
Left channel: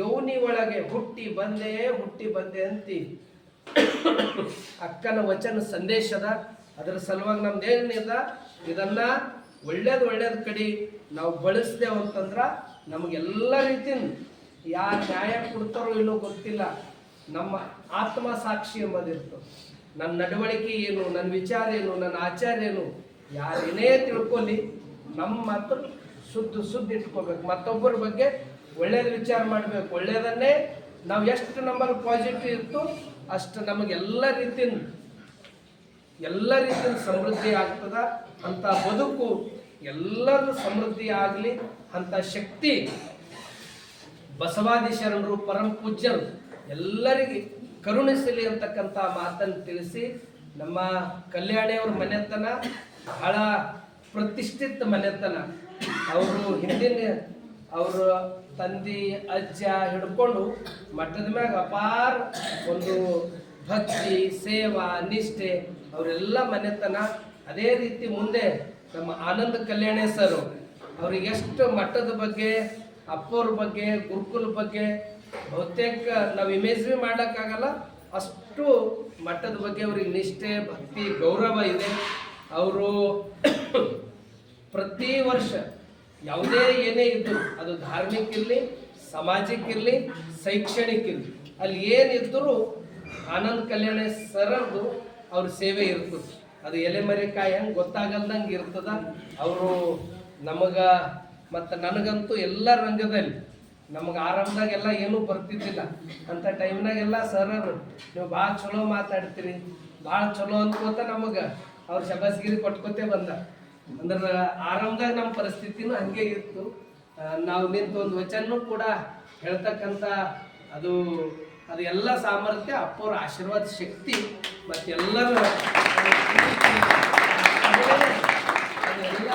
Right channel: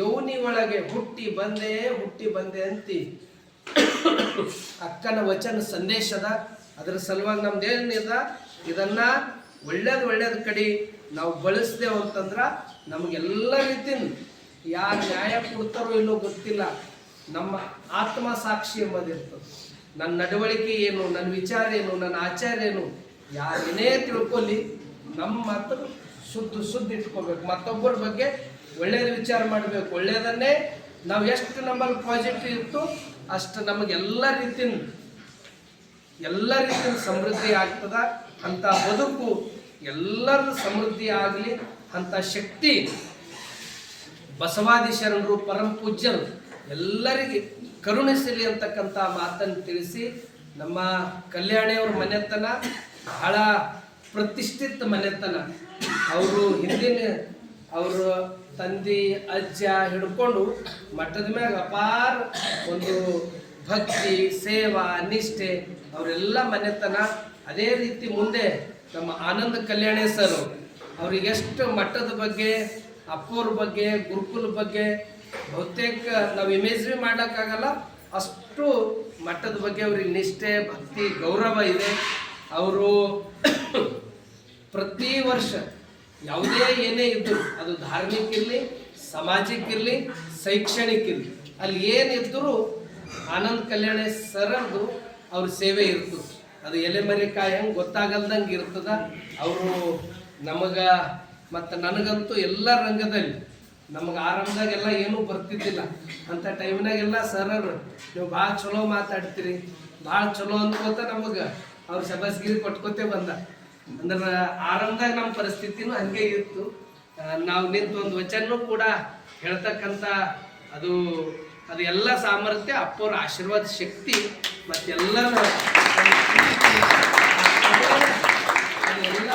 ಯೋನಿ ಒಳಗೆ ಹುಟ್ಟಿ ಬಂದೆ ಅಂತಿ ಅಕ್ಕನ ವಚನ ಸಂದೇಶದ. ಅದರ ಸಲುವಾಗಿ ನಮ್ದೇನಿದ, ಇದನ್ನ ಒಳ್ಳೇದು ಕಡೆ ನಾವು ಬಳಸ್ದೇವು ಅಂತಂದ್ರೆ ನಮಗೆಲ್ಲ ರೀತಿಯಿಂದ ಯಾರು ನ್ಯಾಯ ಕೊಡ್ತಾರೋ ಇಲ್ಲೋ ಗೊತ್ತಿಲ್ಲ, ನಮ್ಮ ಆತ್ಮ ಸಾಕ್ಷಿ ಎಂಬುದಿರ್ತದೆ. ನನ್ನ ನಡವಳಿಕೆ ಏನು, ನನ್ನ ವಿಚಾರ ಏನು, ನನ್ನ ಆಚಾರ ಏನು, ಯಾರೇನೇ ತಿಳ್ಕೊಳ್ಳಿ, ನಮ್ಮ ಮಾತ್ರ ಶುದ್ಧ ಇಟ್ಕೋಬೇಕು. ಮತ್ತೊಬ್ಬರ ಬಗ್ಗೆ ಒಳ್ಳೇದು ವಿಚಾರ ಮಾಡಬೇಕು. ಒಳ್ಳೇದನ್ನೇ ನಾವು ಎಷ್ಟು ನಮ್ಮಲ್ಲಿ ಪಾಸಿಟಿವ್ ಇತ್ತು ಅಷ್ಟು ನಮಗೆಲ್ಲ ರೀತಿಯಿಂದ ಸಮೃದ್ಧಿ ಆಗ್ತದ. ಅಂಥ ಬದುಕು ಎಲ್ಲರದು ಸಮೃದ್ಧಿ ಆಗಲಿ. ಅಂಥ ಶಕ್ತಿ ಬಸವಾದಿ ಶರಣರು, ಪರಮ ಪೂಜ್ಯರು ಎಲ್ಲರಿಗೆ ಕರುಣಿಸಲಿ ಅಂತಕ್ಕಂಥ ಮಾತನ್ನು ತಿಳಿಸಿ, ನಮ್ಮ ಕಲ್ಯಾಣಿಯವ್ರ ಮನೆತನ ಬಹಳ ಪ್ರತಿಷ್ಠಿತ ಮನೆತನ. ಅವರು ಹಿಂದಿನ ಅವರ ತಂದೆ ಅಜ್ಜ ಹಿಡ್ಕೊಂಡು ಮಠದ ಮ್ಯಾಗ ಅಪಾರ ಒಂದು ಭಕ್ತಿ, ಸೇವಾ, ನಿಷ್ಠೆ ಅವರೆಲ್ಲ ಮನೆತನ. ಅದೇ ರೀತಿ ಮುಂದೆ ನಮ್ಮ ಆನಂದ ಕಲ್ಯಾಣಿ ಸರ್ ಅವ್ರಿಗೆ ಎಷ್ಟು ಮಠದ ಬಗ್ಗೆ, ಅಪ್ಪವ್ರ ಬಗ್ಗೆ, ಗುರುಕುಲ ಬಗ್ಗೆ ಬಹುತೇಕ ನಾವು ಇಮೇಜ್ರಿ ಮಾಡೋಕ್ಕಾಗಲ್ಲ, ಅಷ್ಟು ಮಠದ ಬಗ್ಗೆ ಅವ್ರಿಗೆ ನಿಷ್ಠೆ, ಭಕ್ತಿ, ಗೌರವ ಇದೆ. ಅವರು ಪ್ರತಿ ವರ್ಷ ಯಾವುದೇ ಏನೇ ಇದ್ದರು, ಅದು ಧಾರ್ಮಿಕ ಇರಲಿ, ಸಾಮಾಜಿಕ ಇರಲಿ, ಶೈಕ್ಷಣಿಕ ಇರಲಿ, ಅಲ್ಲಿ ಏನಿದ್ದರೂ ಆನಂದ ಕಲ್ಯಾಣ ಸರದು ಅವ್ರ ಸೇವೆ ಇರ್ತದೆ. ಅದು ಎಲೆಮರಿಕಾಯಿ ಹೆಂಗೆ ಗೊತ್ತಾಗಲ್ದಂಗೆ ಇರ್ತದ. ಅವರು ನಮಗೆ ಮತ್ತು ನನಗಂತೂ ಎಲ್ಲ ರಂಗದಲ್ಲಿ ನಮಗೆ ಆರಂಭದಾಗೆಲ್ಲ ಏನೂ ಬರ್ತಿದ್ದಿಲ್ಲ. ಅಂಥ ಟೈಮ್ನಾಗೆಲ್ಲ ಸರರು ನೀವು ಭಾಳ ಚಲೋ ಮಾತಾಡ್ತೀರಿ, ಭಾಳ ಚಲೋ ಅನ್ಕೋತ ನಮಗೆ ಅವ್ರು ಶಬಾಸ್ಗಿರಿ ಕೊಟ್ಕೋತೇ ಬಂದ. ಅಂದ್ರೆ ಆರಂಭದಾಗ ನಮ್ಮ ಪರಿಸ್ಥಿತಿನೂ ಹಂಗೆ ಇತ್ತು. ನಾವು ನಿಂತು ಒಂದು ವಚನೂ ಕೂಡ ಹೇಳ್ತಕ್ಕಂಥ ಅದು ಎಲ್ಲ ಸಾಮರ್ಥ್ಯ ಅಪ್ಪವ್ರ ಆಶೀರ್ವಾದ ಶಕ್ತಿ ಮತ್ತೆಲ್ಲರೂ ಅದೆಲ್ಲ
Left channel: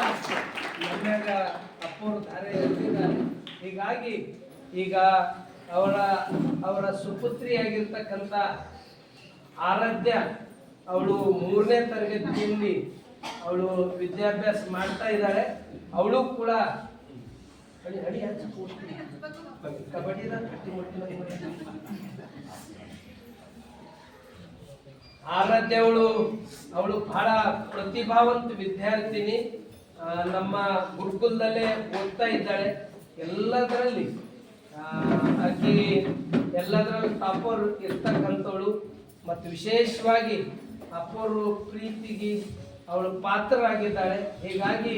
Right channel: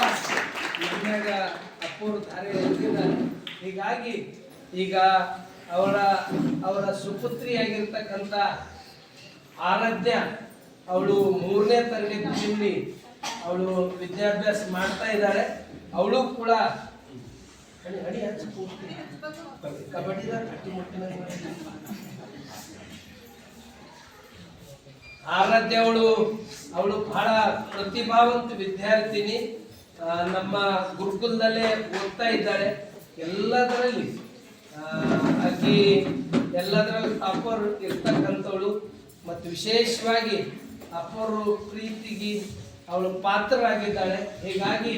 ನಮ್ಯಾಗ ಅಪ್ಪವ್ರ ಧಾರೆ ಇರ್ತಿದ್ದಾರೆ. ಹೀಗಾಗಿ ಈಗ ಅವರ ಸುಪುತ್ರಿಯಾಗಿರ್ತಕ್ಕಂಥ ಆರಾಧ್ಯ, ಅವಳು 3ನೇ ತರಗತಿಯಲ್ಲಿ ಅವಳು ವಿದ್ಯಾಭ್ಯಾಸ ಮಾಡ್ತಾ ಇದ್ದಾಳೆ. ಅವಳು ಕೂಡ ಕಬಡ್ಡಿದಾಗ ಆರಾಧ್ಯ ಅವಳು ಬಹಳ ಪ್ರತಿಭಾವಂತ ವಿದ್ಯಾರ್ಥಿನಿ. ನಮ್ಮ ಗುರುಕುಲದಲ್ಲೇ ಓದ್ತಾ ಇದ್ದಾಳೆ. ಎಲ್ಲದರಲ್ಲಿ ಆಕಿ ಎಲ್ಲದರಲ್ಲಿ ಟಾಪರ್ ಇರ್ತಕ್ಕಂಥವಳು. ಮತ್ತು ವಿಶೇಷವಾಗಿ ಅಪ್ಪರು ಪ್ರೀತಿಗೆ ಅವಳು ಪಾತ್ರರಾಗಿದ್ದಾಳೆ. ಹೀಗಾಗಿ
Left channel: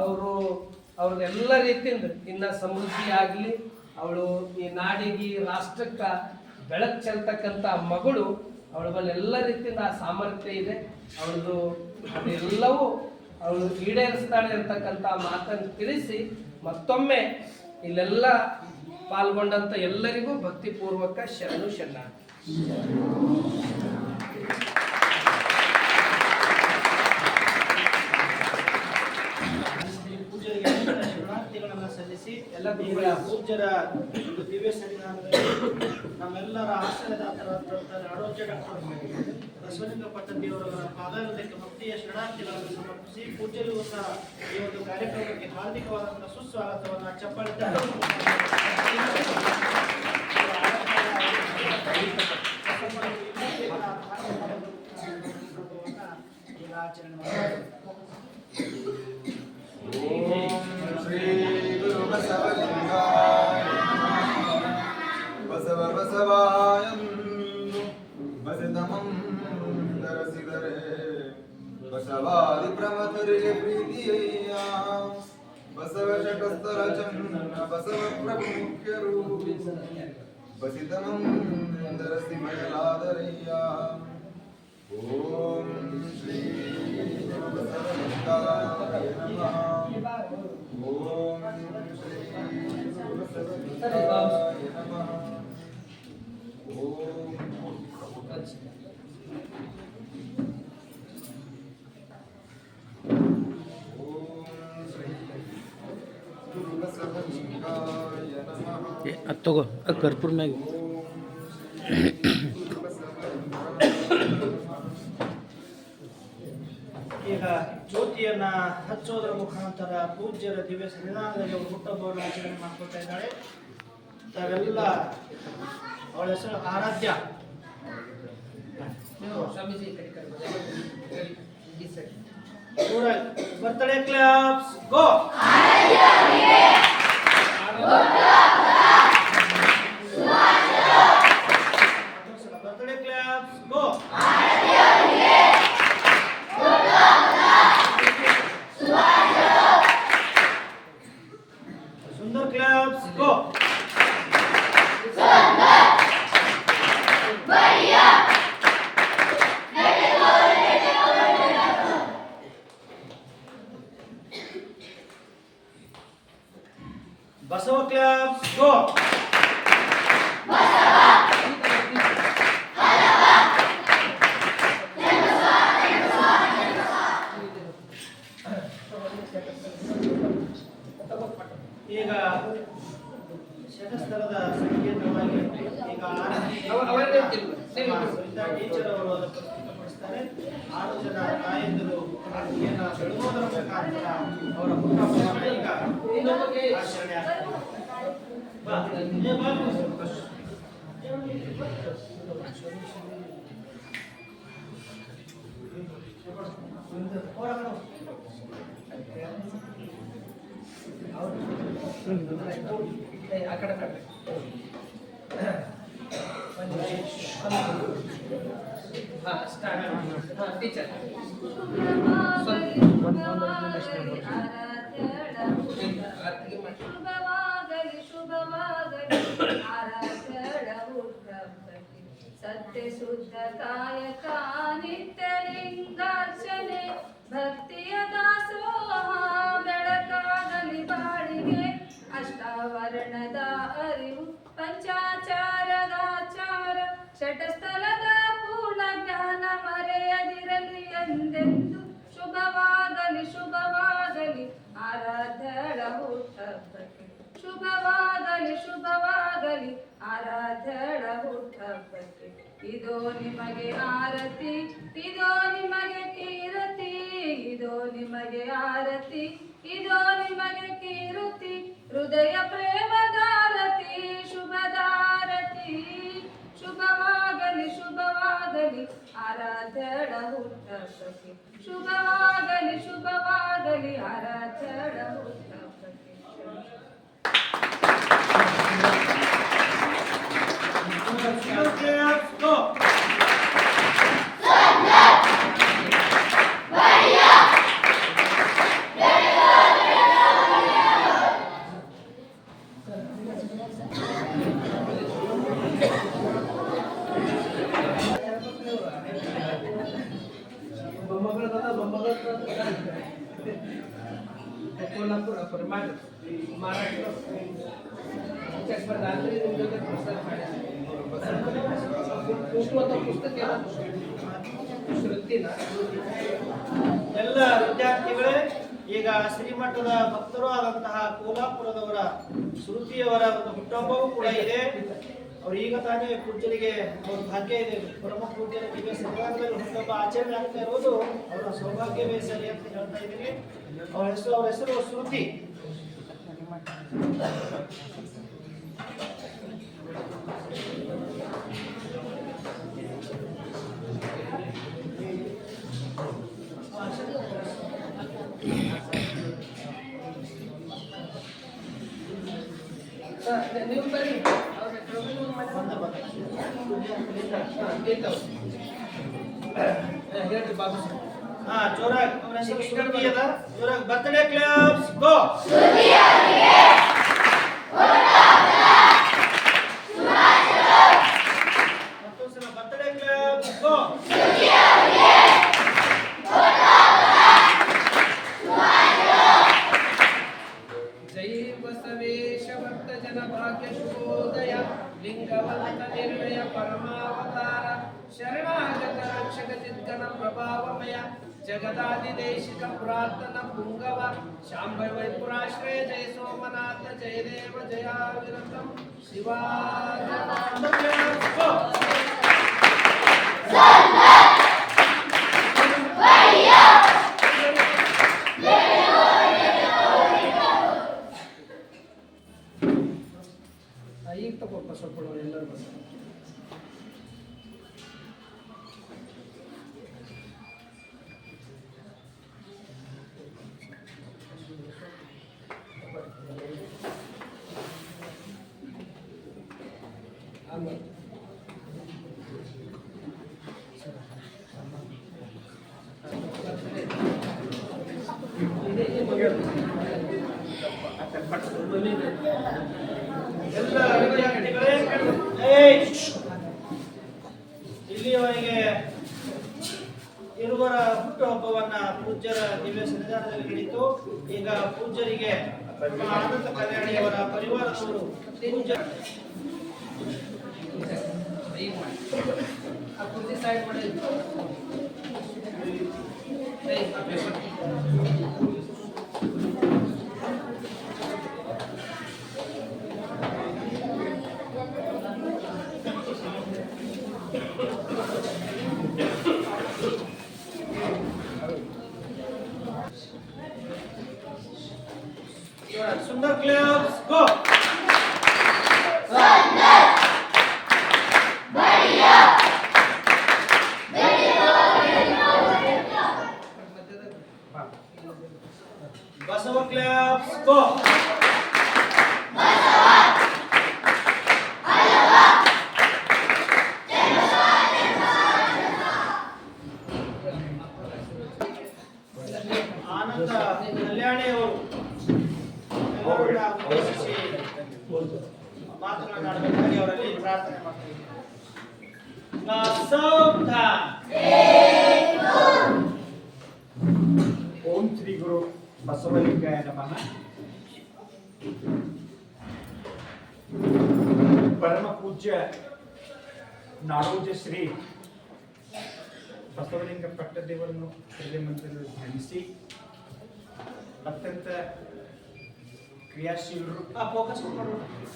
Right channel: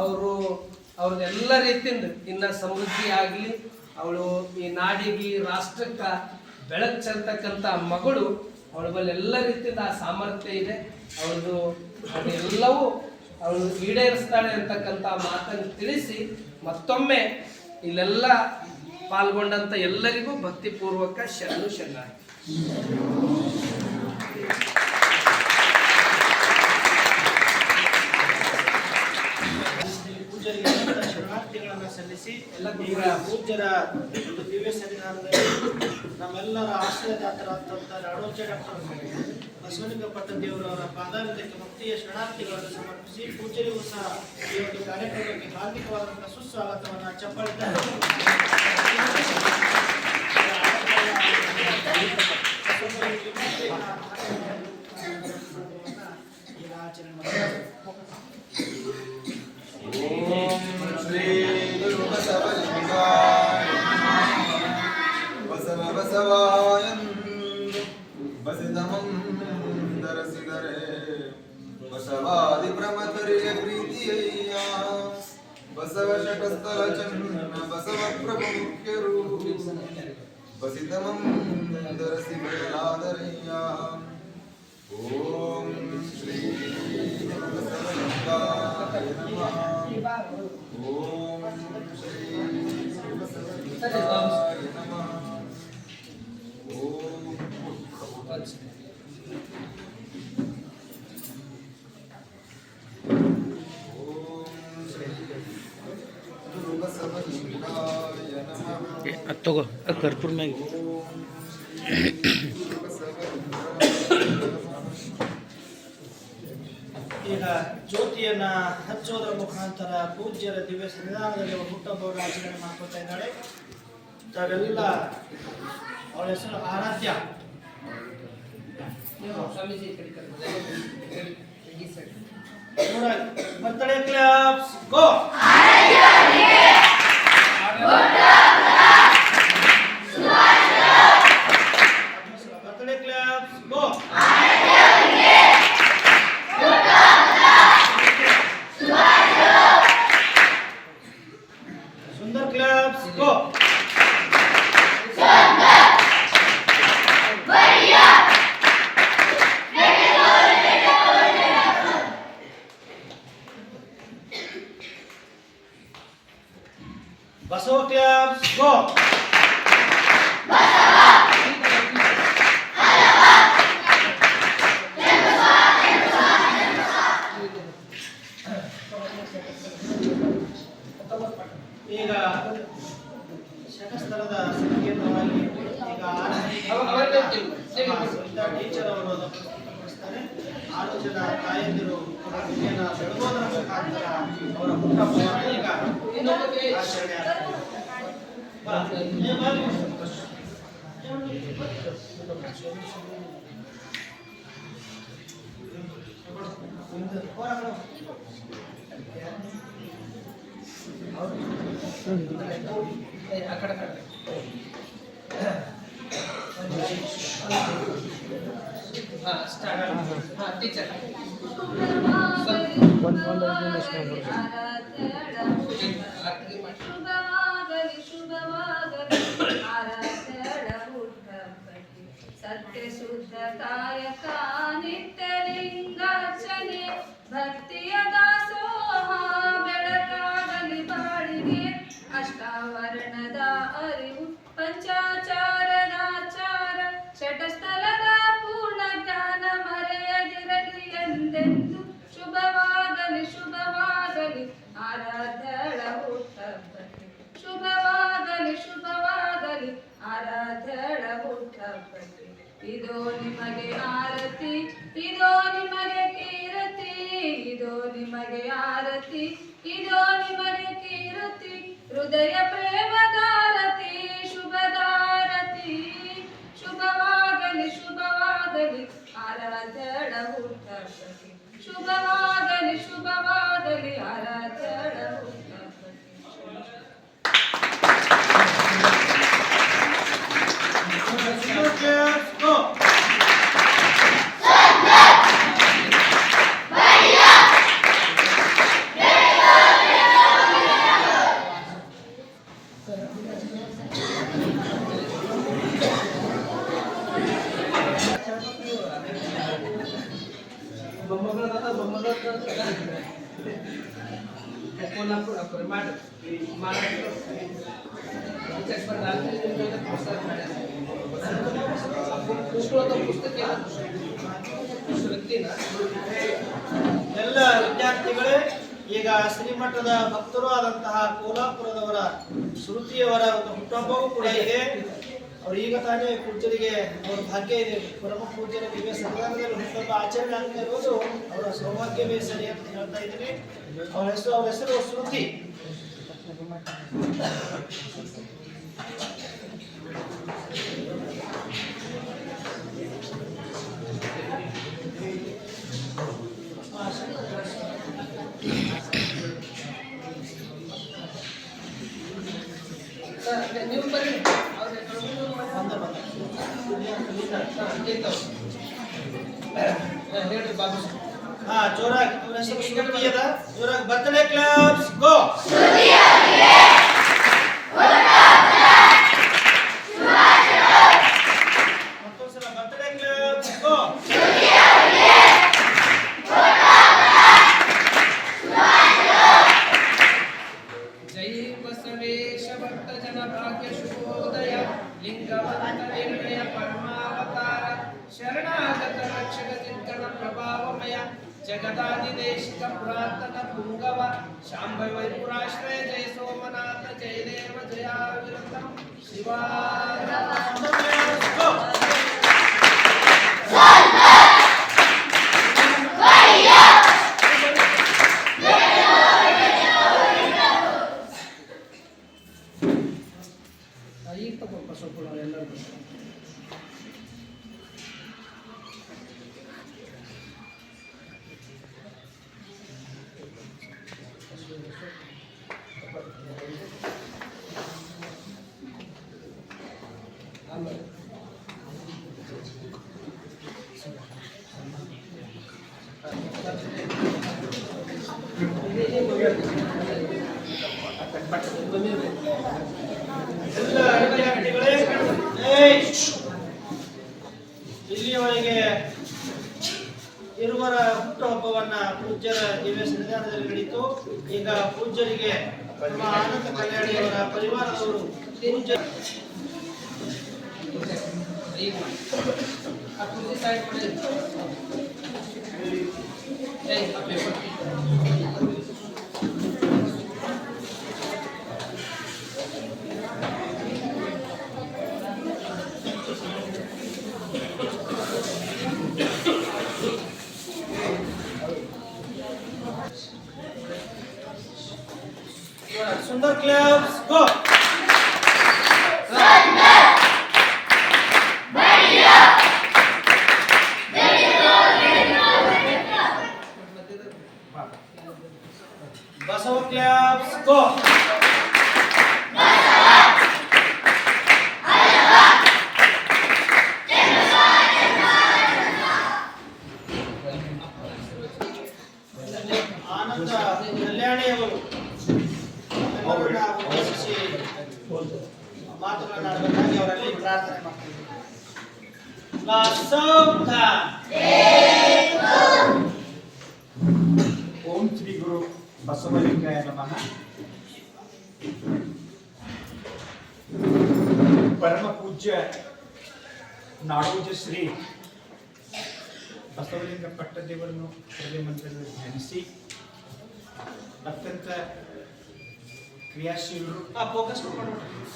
ಅವ್ರದ್ದೆಲ್ಲ ರೀತಿಯಿಂದ ಇನ್ನು ಸಮೃದ್ಧಿ ಆಗಲಿ. ಅವಳು ಈ ನಾಡಿಗೆ ರಾಷ್ಟ್ರಕ್ಕೆ ಬೆಳಕು ಚೆಲ್ತಕ್ಕಂಥ ಮಗಳು. ಅವಳ ಮೇಲೆ ಎಲ್ಲ ರೀತಿಯಿಂದ ಆ ಸಾಮರ್ಥ್ಯ ಇದೆ. ಅವಳದು ಅದೆಲ್ಲವೂ ಅವಳು ಈಡೇರಿಸ್ತಾಳೆ ಅಂತಕ್ಕಂಥ ಮಾತನ್ನು ತಿಳಿಸಿ ಮತ್ತೊಮ್ಮೆ ಇಲ್ಲೆಲ್ಲ ಪಾಲ್ಗೊಂಡಂಥ ಎಲ್ಲರಿಗೂ ಭಕ್ತಿಪೂರ್ವಕ ಶರಣು ಶರಣಾರ್ಥಿ. ಶರಣಾರ್ಥಿಗಳನ್ನು ಸಲ್ಲಿಸಿ ಎಲ್ಲ ಪೂಜ್ಯರ ದಿವ್ಯ ಸನ್ನಿಧಾನದಲ್ಲಿ ನಮ್ಮೆಲ್ಲರ ಆಶ್ರಯದಾತರಾದಂಥ ಅಡೋಜ ಡಾಕ್ಟರ್ ಬಸವಲಿಂಗ ಪಟ್ಟದೇವರವರ ಪಾದಾರಕ್ಕೆ ಭಕ್ತಿಯ ಶರಣಾರ್ಥಿಗಳನ್ನು ಸಮರ್ಪಿಸಿ ಪೂಜ್ಯರಿಗೂ ಸಹ ಈ ಒಂದು ಕಾರ್ಯಕ್ರಮಕ್ಕೆ ಹಾರ್ದಿಕವಾದಂಥ ಸುಸ್ವಾಗತವನ್ನು ಚಪ್ಪಾಳೆ ಆಚರಣೆ ಮಾಡಿ. ಶ್ರೀ ಗುರು ಬಸವಲಿಂಗಾಯ ಬಸವ ಬಸವಾಯಂದು ಬಸಿದಮಂದರಸಿದರೆ ಬಸವಾದಿ ಪ್ರಮತರಿಗೆ ಪ್ರೀತಿಯಯ್ಯ. ಬಸವ ಶಟಸ್ಥಲ ಚನ್ನ ಬಸವ ಪ್ರಭು ಮುಖ್ಯರು ಬಸಿದಮಂದರಸಿ ಬಯಲಾದರಯ್ಯ. ಓಂ ಶ್ರೀ ಗುರು ಬಸವಲಿಂಗಾಯ ನಮಃ. ಓಂ ಶ್ರೀ ಗುರು ಬಸವಲಿಂಗಾಯ ನಮಃ. ಓಂ ಶ್ರೀ ಗುರು ಬಸವಲಿಂಗಾಯ ನಮಃ. ತಗೋ ಕರ್ಪೂರ ಮ್ಯಾಗ ಈಗ ಜ್ಯೋತಿಯನ್ನ ಹಚ್ಚೋದ್ರ ಮುಖಾಂತರ ಪೂಜ್ಯರ ದಿವ್ಯ ಸನ್ನಿಧಾನದಲ್ಲಿ ಹುಟ್ಟಹಬ್ಬವನ್ನು ಆಚರಣೆ ಮಾಡ್ಕೊತಾ ಇದ್ದಾಳೆ. ತಾವೆಲ್ಲ ಅವಳ ಹೆಸರು ಆರಾಧ್ಯ. ಬರ್ತ್ಡೇ ಕ್ಲಾಪ್ಸ್ ಗೋ. ಬರ್ತ್ಡೇ ಕ್ಲಾಪ್ಸ್ ಗೋ. सुंदर क्लब्स गो. बसव क्लब्स गो. ಈಗ ಶತಸ್ತರದ ಸಂಕೀರ್ಣವಾಗಿ ಈಗ ಟೀಚರ್ ಅವರು ಅದನ್ನು ಪ್ರಸ್ತುತಪಡಿಸ್ತಾರೆ. 6 ಜನ ತಾಯಂದಿರು ಬೆಳಗೋದರ ಮುಖಾಂತರ ಅವರ ಹುಟ್ಟಹಬ್ಬವನ್ನು ಈಗ ಆಚರಣೆ ಆಗ್ತದೆ. ಆ ಕಡೆ ಸ್ಟಾರ್ಟ್. ಟೀಚರ್ ಸತ್ಯ ಶುದ್ಧ ಕಾಯಕ ನಿತ್ಯ ಲಿಂಗಾರ್ಚನೆ ಭಕ್ತಿಯ ದಾಸೋಹ ಬೆಳಕಾಗಲಿ ಬಾಳಿಗೆ ಅಷ್ಟಾವರಣದ ಅರಿವು ಪಂಚಾಚಾರದಾಚಾರ ಶಟಸ್ಥಲದ ಪೂರ್ಣ ಜ್ಞಾನ ಮರೆಯದಿರಲಿ ಎಂದೆಂದು ಶುಭವಾಗಲಿ ಶುಭವಾಗಲಿ ಆರಾಧ್ಯಳ ಹುಟ್ಟಹಬ್ಬಕ್ಕೆ ಶುಭವಾಗಲಿ ಶುಭವಾಗಲಿ ಆರಾಧ್ಯಳ ಹುಟ್ಟಹಬ್ಬಕ್ಕೆ ಇದೋ ನಿಮಗೆ ಆರತಿ ಇದೋ ನಿಮಗೆ ಕೀರತಿ ಇದೋ ನಿಮಗೆ ಆರತಿ ಇದೋ ನಿಮಗೆ ಕೀರತಿ ಹೃದಯ ಪ್ರೇಮದಾರತಿ ಶುಭದಾರತಿ ಶುಭವಾಗಲಿ ಶುಭವಾಗಲಿ ಶುಭವಾಗಲಿ ಆರಾಧ್ಯಳ ಹುಟ್ಟಹಬ್ಬಕ್ಕೆ ಶುಭವಾಗಲಿ ಶುಭವಾಗಲಿ ಆರಾಧ್ಯಳ ಹುಟ್ಟಹಬ್ಬಕ್ಕೆ Go! कोल्हापूर महाराष्ट्र पुस्तक ವ್ಯಕ್ತಿನ ಎಲ್ಲ ವಿದ್ಯಾರ್ಥಿಗಳೇ ಈಗ ಶ್ರೀಮಠದ ಭಕ್ತರು ಆದಂತಹ ಕೋಲ್ಹಾಪುರದವರ ಶ್ರುತಿಯವರ ಒಂದು ಹುಟ್ಟುಹಬ್ಬವೂ ಕೂಡ ಇದೆ. ಅವ್ರು ಈಗ ತಾನೇ ಪೂಜ್ಯರಿಗೆ ಅವ್ರ ಭಾಗ್ಯ ಇದೆ, ಪರಮ ಪೂಜ್ಯರ ದಿವ್ಯ ಸಂಧಾನದಲ್ಲಿ ಹುಟ್ಟುಹಬ್ಬ ಆಚರಣೆ ಆಗ್ತಾ ಇರೋದು ಅವರ ಸೌಭಾಗ್ಯವೇ ಸರಿ ಅಂತ ಹೇಳ್ತಾ ಇದ್ದೀನಿ. ಅವ್ರ ಹೆಸರು ಶ್ರುತಿ. ನೀವು ಬನ್ನಿ ಹೇಳ್ರಿ ಬಾಬು ಜೋರಾಗಿ ಅವ್ರ ಹೆಸರು ಶ್ರುತಿ ಅದ. ಜೋರಾಗಿ ಬರ್ತ್ಡೇ ಕ್ಲಬ್ಸ್ ಗೋ. ಮತ್ತೊಂದ್ಸಲ ಬರ್ತ್ಡೇ ಕ್ಲಬ್ಸ್ ಗೋ. ಜೈ ಬಸವೇಶ ಭಕ್ತ ಜನ ಭಾಗ್ಯ ಶುಭೋದಯ ಲಿಂಗವಂತ ನಿರ್ಣಯ ಪರಮಾವತಾರ ಶರಣಾಗತ ರಕ್ಷಕ ಚಿತ್ಕನ ಪ್ರಭಾವಮಯ ಜಗದಾದಿದೇಶಿಕ ಪುರಾತನ ಪುಂಗವ ಶಾಂಭೈ ವೈಪುರಾಶ್ರಯ ಜಯ ಸೋಮನಾಥ ಜಯ ದೇವ ಜಯಾವಿರತಂ ಶಿವಾಯ ಈಗ ತಗೋಪ್ಪ ಸ್ವಲ್ಪ ಎಲ್ಲರೂ ಬಂದು ಎಲ್ಲ ವಿದ್ಯಾರ್ಥಿಗಳೇ ಇಲ್ಲಿಯವರೆಗೆ ಇರುವರ ಹುಟ್ಟುಹಬ್ಬವನ್ನ ಪೂಜ್ಯರ ದಿವ್ಯ ಸನ್ನಿಧಾನದಲ್ಲಿ ನಡೆಯಿತು. ಈಗ ಪೂಜ್ಯರಿಗೆ ನಮ್ಮ ಆನಂದ ಕಲ್ಯಾಣಿಯವರ ಪರಿವಾರದವರು ಪೂಜ್ಯ ಆ ಕುರ್ಚಿ ಸೈಡ್ ಮಾಡಿ ಆ ಪೇಪರ್ सुंदर क्लब्स गो. बसव क्लब्स गो. ಆನಂದ ಕಲ್ಯಾಣಿಯವರು ಎಲ್ಲರನ್ನ ಉದ್ದೇಶಿಸಿ ಮಾತುಗಳನ್ನಾಡಬೇಕಾಗಿ ಅವರಲ್ಲಿ ಪ್ರಾರ್ಥನೆ ಮಾಡ್ತೀವಿ. ಓಂ ಶ್ರೀ ಗುರು ಬಸವಲಿಂಗಾಯ ನಮಃ. ಪರಮ ಪೂಜ್ಯ ನಾಡೋಜ ಶ್ರೀ ಬಸವಲಿಂಗ ಪಟ್ಟದೇವರನ್ನು ಹೃದಯ ಮಂತ್ರದಲ್ಲಿ ಧ್ಯಾನಿಸಿ ಅತ್ಯಂತ ಕ್ರಿಯಾಶೀಲರು ಫೋಕಸ್ ಮಾಡಿ